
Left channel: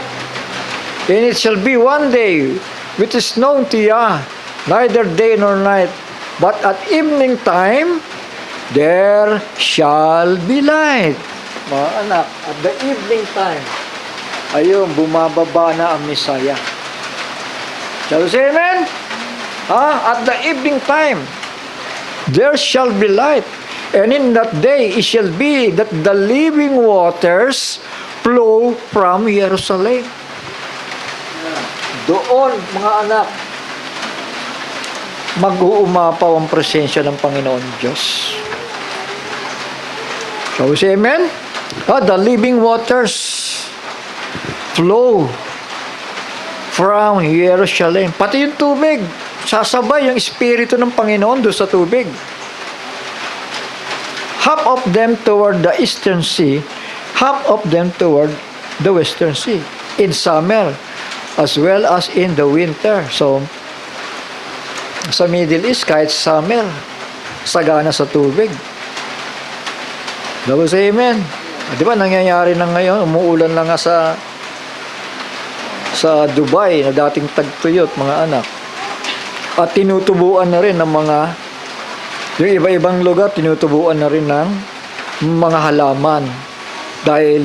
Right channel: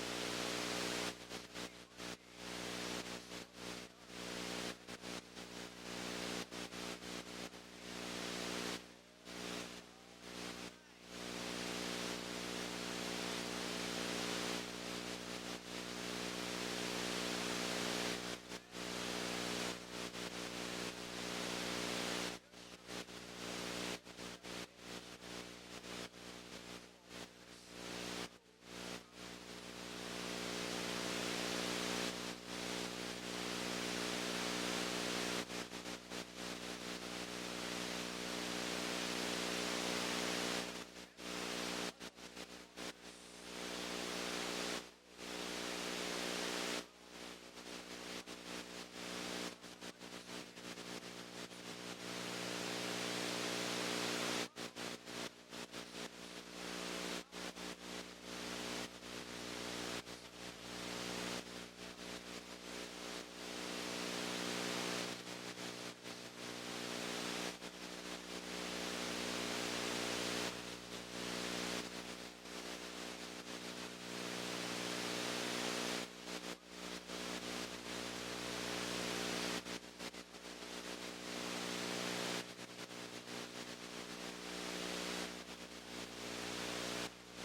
And it shall be one day which is known to Yah, neither day nor night. But at evening time, there shall be light. Mga anak, at the evening time, ayun, bumababa na ang Messiah. Shall we say amen? At the evening time, there shall be light. And in that day, it shall be that the living waters flow from Jerusalem. Doon, mga anak, mag-uumapaw ang presensya ng Panginoon Diyos. Shall we say amen? The living waters flow from Jerusalem. Pati yung tubig, sasabay yung Espiritu ng Panginoon doon sa tubig. Half of them toward the eastern sea, half of them toward the western sea. In summer, as well as in the winter. So, sa Middle East, kahit summer, sagana sa tubig. Dapat sa amen. Di ba nangyayari na ngayon, umuulan na nga sa Dubai na dating tagtuyot, mga anak. At tinutubuan na rin ng yung iba-ibang lugar, tinutubuan na rin ng mga halaman. Dahil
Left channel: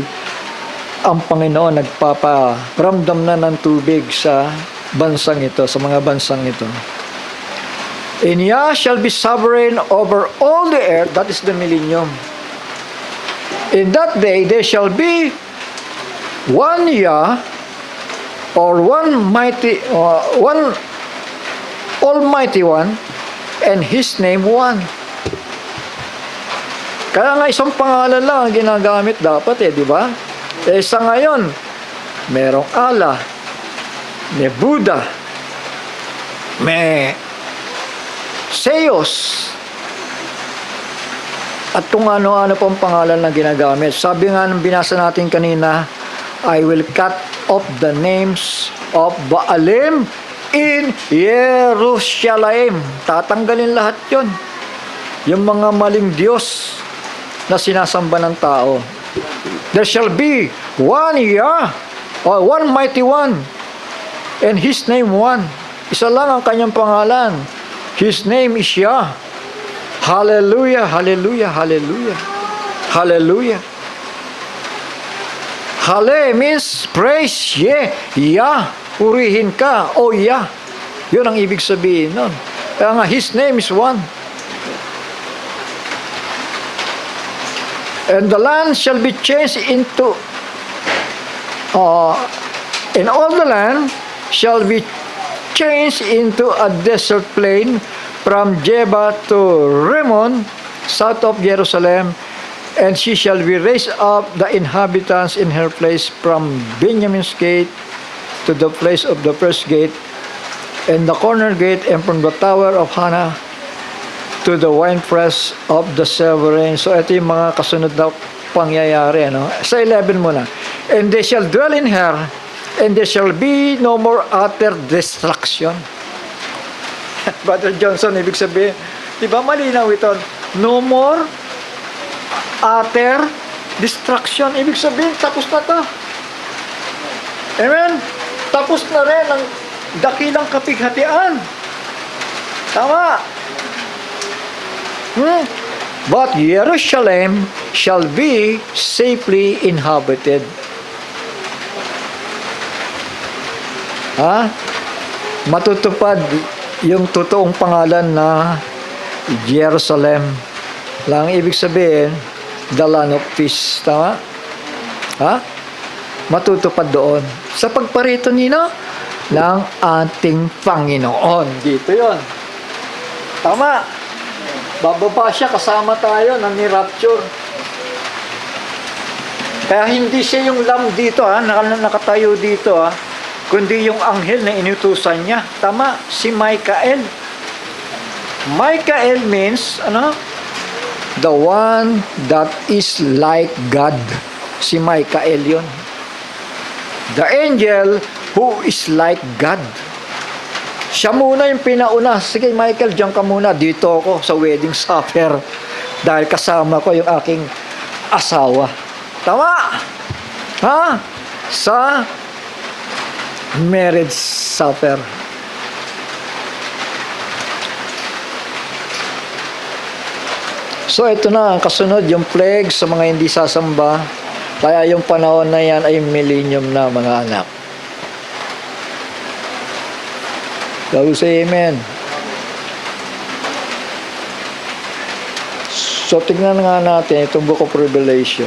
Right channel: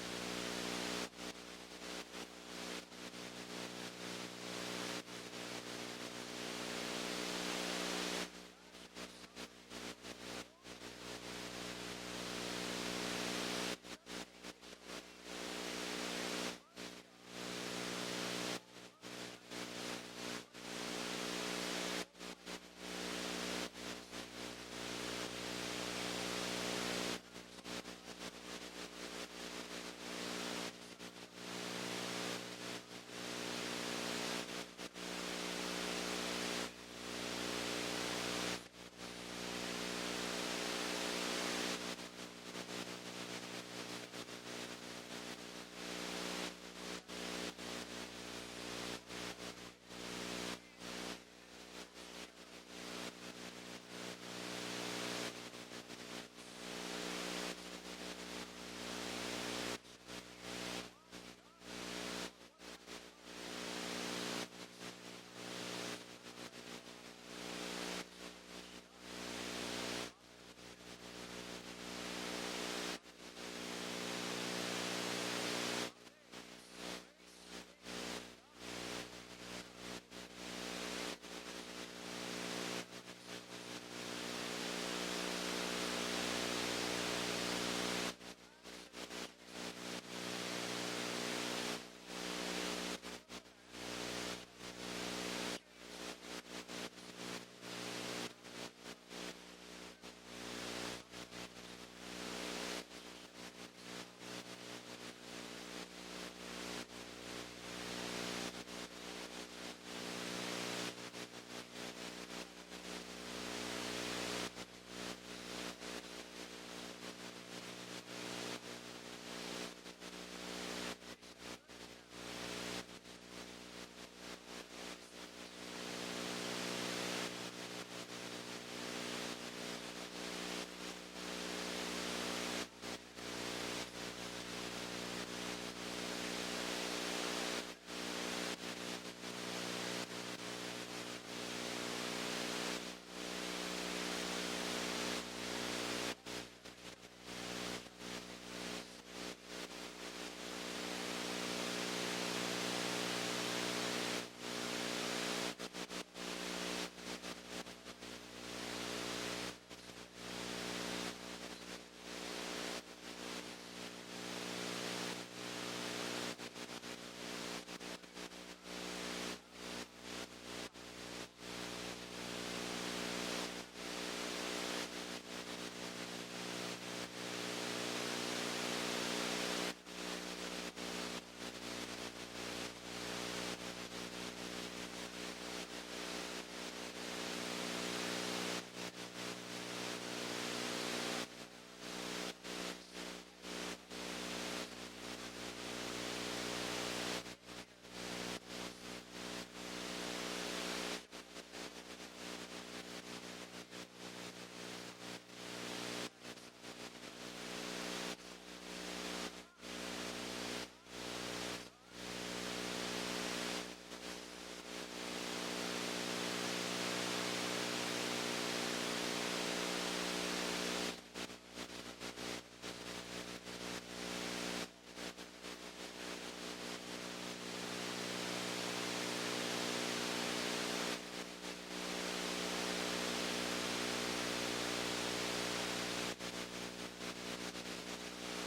ang Panginoon nagpaparamdam na ng tubig sa bansang ito, sa mga bansang ito. And Yah shall be sovereign over all the earth. That is the millennium. In that day, there shall be one Yah, or one Almighty One, and His name one. Kaya nga isang pangalan lang ang ginagamit dapat di ba? Sa ngayon, merong Allah, may Buddha, may Zeus, at kung ano-ano pang pangalan na ginagamit. Sabi nga nung binasa natin kanina, I will cut off the names of Baalim in Jerusalem. Tatanggalin lahat yon. Yung mga maling Diyos na sinasamba ng tao. There shall be one Yah, or one mighty one, and His name one. Isa lang ang kanyang pangalan. His name is Yah. Hallelujah, hallelujah, hallelujah. Hallelujah. Hale means praise. Yah. Purihin ka. Yah. Yun ang ibig sabihin nun. Kaya nga, His name is one. And the land shall be changed into and all the land shall be changed into a desert plain from Jeba to Rimmon, south of Jerusalem, and she shall be raised up the inhabitants in her place from Benjamin's gate to the place of the first gate, and the corner gate, and from the tower of Hannah to the winepress of the sovereign. So ito yung mga kasunod na pangyayari. Sa 11 muna. And they shall dwell in her, and there shall be no more utter destruction. Brother Johnson, ibig sabihin, di ba malinaw ito? No more utter destruction. Ibig sabihin, tapos na to. Amen? Tapos na rin ang dakilang kapighatian. Tama. But Jerusalem shall be safely inhabited. Matutupad yung totoong pangalan na Jerusalem. Lang ibig sabihin, the land of peace. Tama? Ha? Matutupad doon. Sa pagparito nino ng ating Panginoon. Dito yon. Tama. Bababa siya, kasama tayo na ni-rapture. Kaya hindi siya yung lamb dito, nakatayo dito, kundi yung anghel na inutusan niya. Tama, si Michael. Michael means, the one that is like God. Si Michael yun. The angel who is like God. Siya muna yung pinauna. Sige, Michael, diyan ka muna. Dito ako sa wedding supper. Dahil kasama ko yung aking asawa. Tama? Ha? Sa marriage supper. So, ito na. Kasunod, yung plague sa mga hindi sasamba. Kaya yung panahon na yan ay millennium na, mga anak. Shall we say amen? So, tignan nga natin itong Book of Revelation.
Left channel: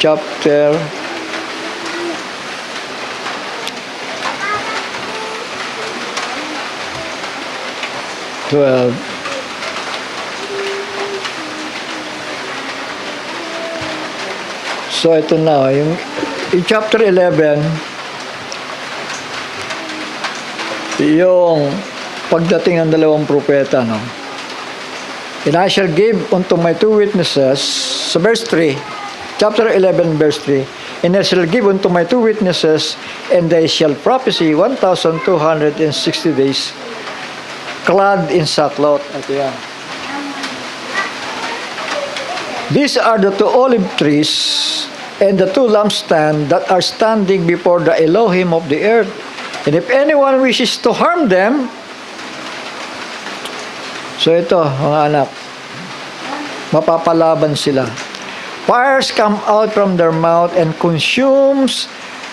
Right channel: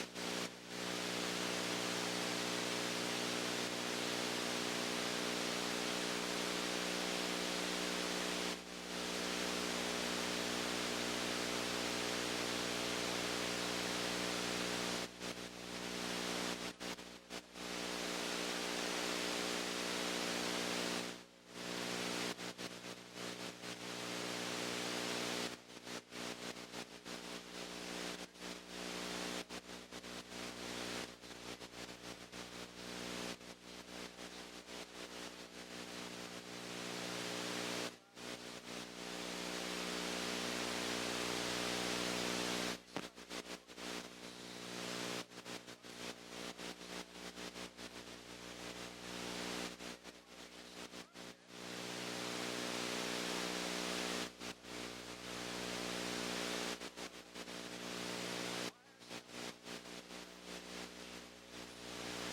Chapter 12. So, ito na. Yung chapter 11, yung pagdating ng dalawang propeta, no? And I shall give unto my two witnesses, sa verse 3, chapter 11, verse 3, and I shall give unto my two witnesses, and they shall prophesy 1,260 days, clad in sackcloth. Ito yan. These are the two olive trees and the two lampstands that are standing before the Elohim of the earth. And if anyone wishes to harm them, so ito, mga anak, mapapalaban sila. Fires come out from their mouth and consumes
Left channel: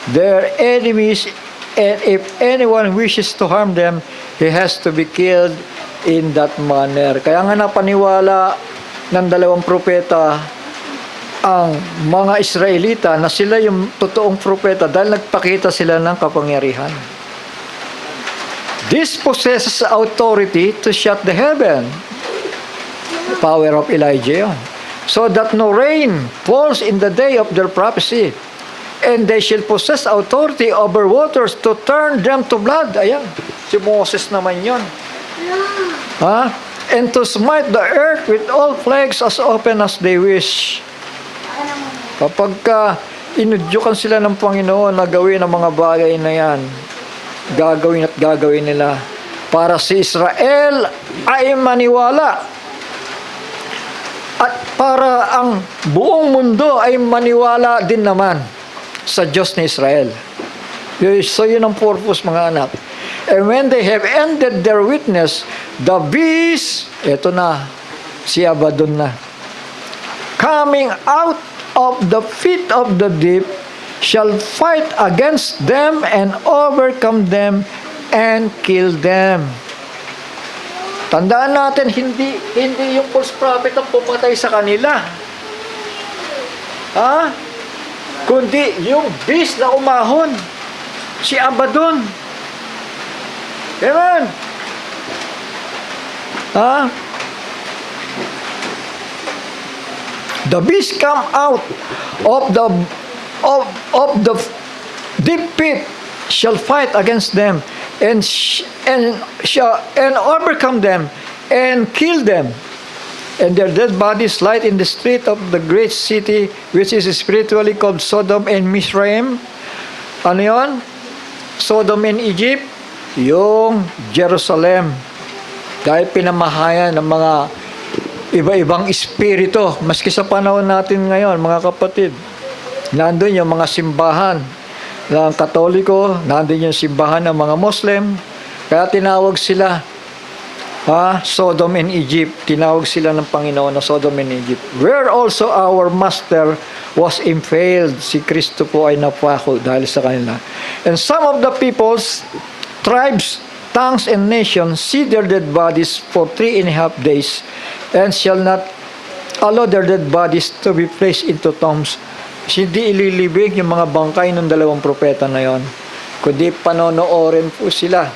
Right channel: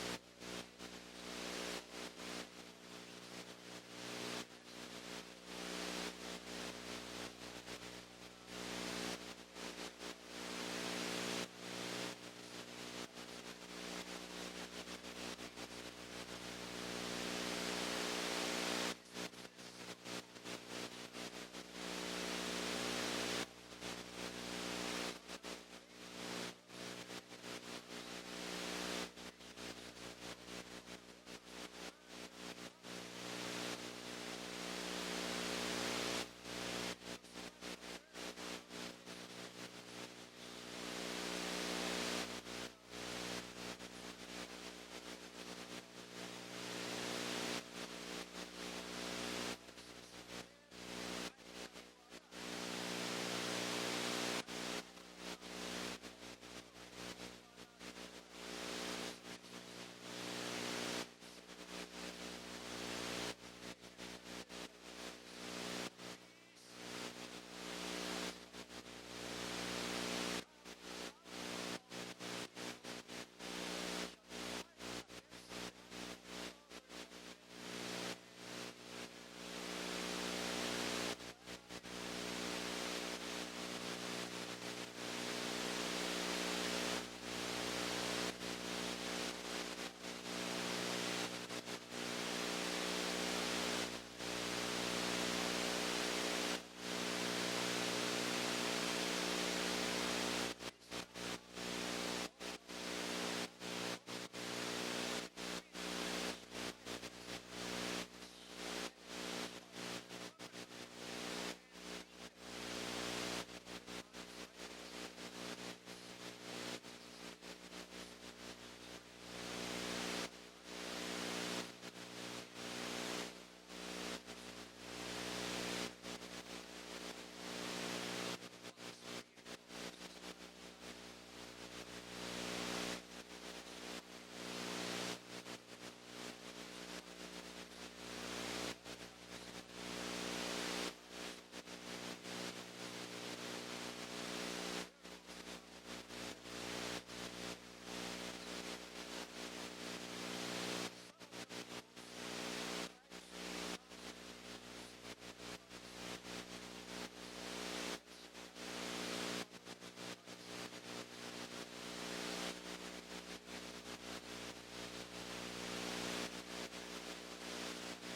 their enemies, and if anyone wishes to harm them, he has to be killed in that manner. Kaya nga napaniwala ng dalawang propeta ang mga Israelita na sila yung totoong propeta dahil nagpakita sila ng kapangyarihan. This possesses authority to shut the heaven. The power of Elijah. So that no rain falls in the day of their prophecy. And they shall possess authority over waters to turn them to blood. Ayan. Si Moses naman yun. Ha? And to smite the earth with all plagues as often as they wish. Kapag inudyukan sila ng Panginoon na gawin ang mga bagay na yan, gagawin at gagawin nila para si Israel ay maniwala at para ang buong mundo ay maniwala din naman sa Diyos ni Israel. So yun ang purpose, mga anak. And when they have ended their witness, the beast, eto na, si Abaddon na, coming out of the pit of the deep, shall fight against them and overcome them and kill them. Tandaan natin, hindi yung false prophet ang pumatay sa kanila. Ha? Kundi yung beast na umahon, si Abaddon. Amen. Ha? The beast come out of the deep pit, shall fight against them and overcome them and kill them, and their dead bodies lie in the street of the great city, which is spiritually called Sodom and Misraim. Ano yun? Sodom and Egypt, yung Jerusalem. Dahil pinamahayan ng mga iba-ibang espiritu, maski sa panahon natin ngayon, mga kapatid. Nandun yung mga simbahan ng Katoliko, nandun yung simbahan ng mga Muslim, kaya tinawag sila Sodom and Egypt. Tinawag sila ng Panginoon na Sodom and Egypt. Where also our Master was impaled. Si Kristo po ay napako dahil sa kanila. And some of the peoples, tribes, tongues, and nations see their dead bodies for 3.5 days. and shall not allow their dead bodies to be placed into tombs. Hindi ililibing yung mga bangkay ng dalawang propeta na yon, kundi panonoorin po sila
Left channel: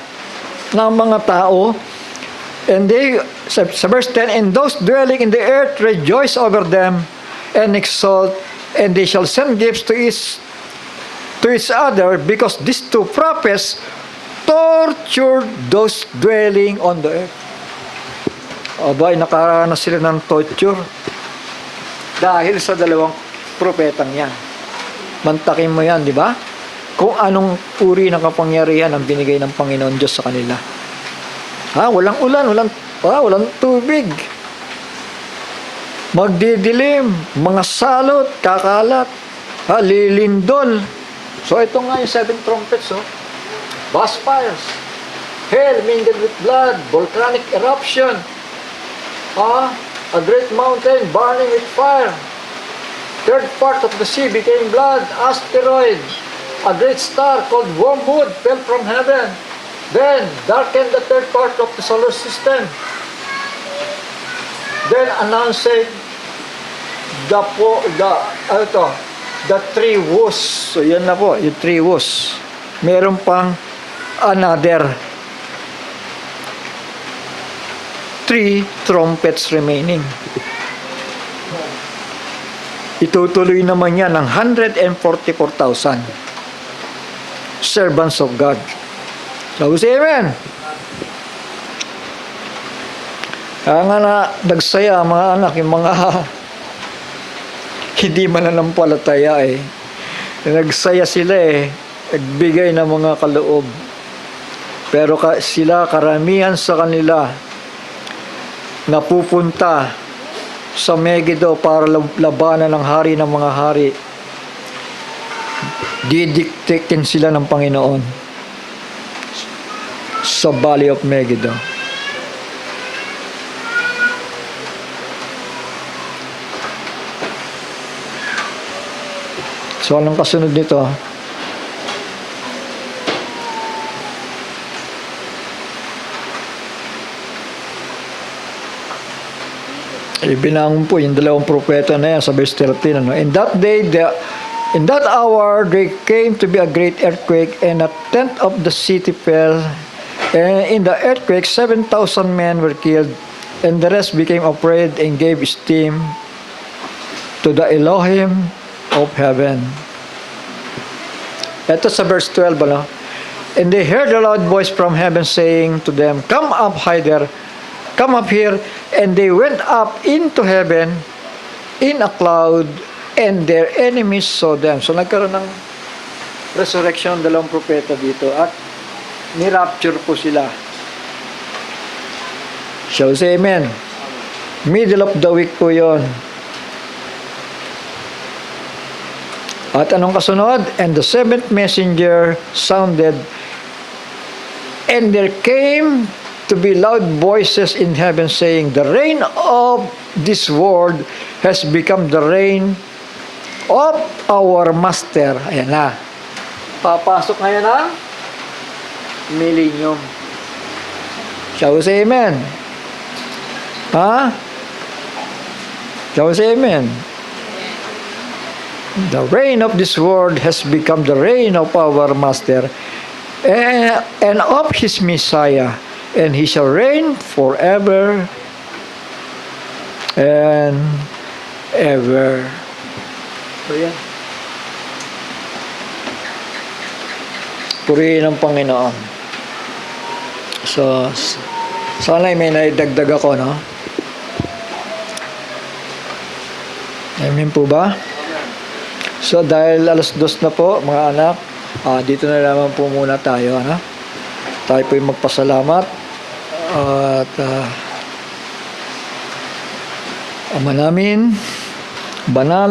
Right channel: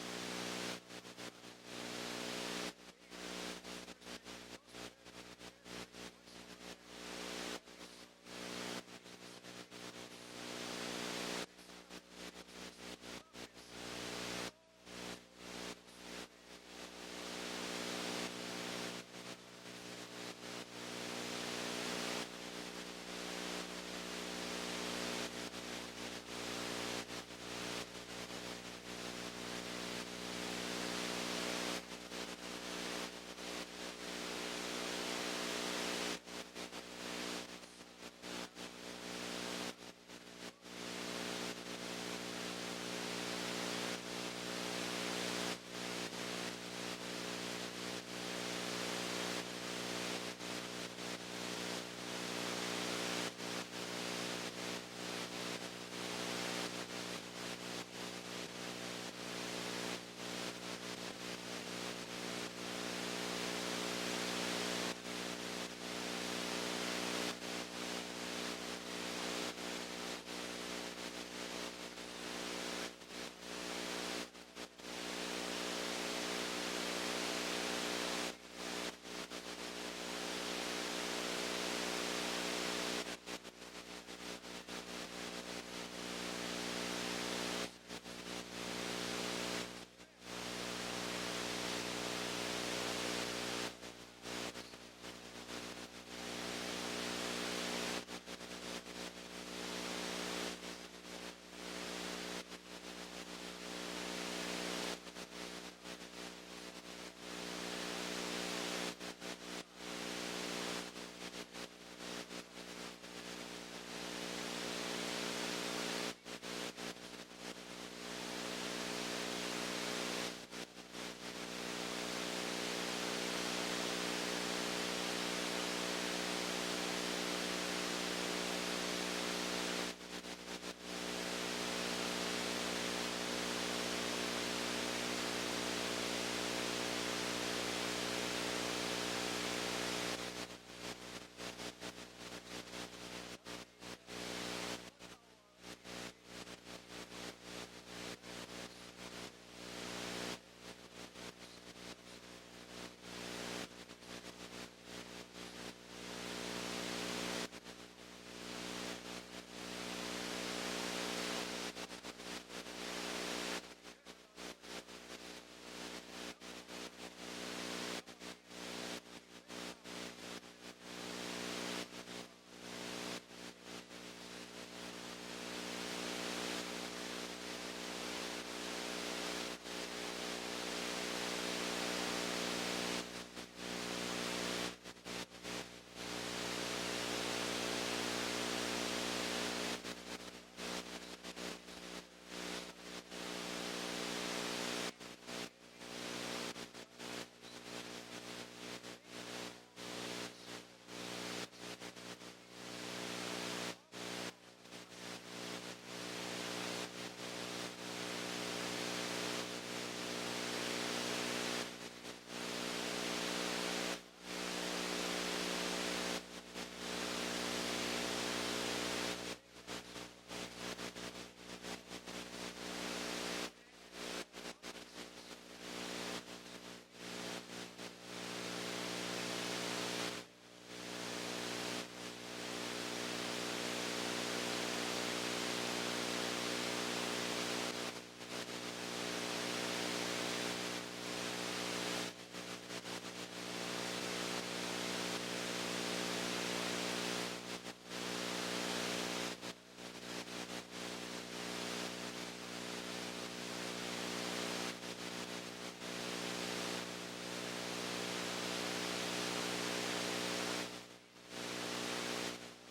ng mga tao. And they, sa verse 10, and those dwelling in the earth rejoice over them and exult, and they shall send gifts to each other, because these two prophets tortured those dwelling on the earth. Abay, nakaranas sila ng torture dahil sa dalawang propetang yan. Mantakin mo yan, di ba? Kung anong uri ng kapangyarihan ang binigay ng Panginoon Diyos sa kanila. Walang ulan, walang tubig. Magdidilim, mga salot, kakalat, lilindol. So ito nga yung 7 trumpets, Vast fires, hail mingled with blood, volcanic eruption, a great mountain burning with fire. Third part of the sea became blood, asteroid, a great star called wormwood fell from heaven. Then darkened the third part of the solar system. Then announcing the three woes. So yan na po, yung three woes. Meron pang another 3 trumpets remaining. Itutuloy naman yan ng 144,000 servants of God. So, say amen. Kaya nga na nagsaya mga anak, yung mga hindi mananampalataya nagsaya sila nagbigay ng mga kaloob. Pero sila, karamihan sa kanila, napupunta sa Megiddo para labanan ng hari ng mga hari. Didiktikin sila ng Panginoon sa Valley of Megiddo. So, anong kasunod nito? Ibinangon po yung dalawang propeta na yan sa verse 13. In that day, in that hour, there came to be a great earthquake, and a tenth of the city fell. And in the earthquake, 7,000 men were killed, and the rest became afraid and gave esteem to the Elohim of heaven. Ito sa verse 12, And they heard a loud voice from heaven saying to them, Come up hither, come up here. And they went up into heaven in a cloud, and their enemies saw them. So nagkaroon ng resurrection ng dalawang propeta dito, at ni-rapture po sila. Shall we say amen? Middle of the week po yon. At anong kasunod? And the 7th messenger sounded, and there came to be loud voices in heaven saying, The reign of this world has become the reign of our master. Ayan na. Papasok ngayon ang millennium. Shall we say amen? Shall we say amen? The reign of this world has become the reign of our master and of his Messiah, and he shall reign forever and ever. So yan. Purihin ang Panginoon. So, sana may naidagdag ako, no? Amen po ba? So, dahil 2:00 na po, mga anak, dito na naman po muna tayo, ano? Tayo po yung magpasalamat. At Ama namin, banal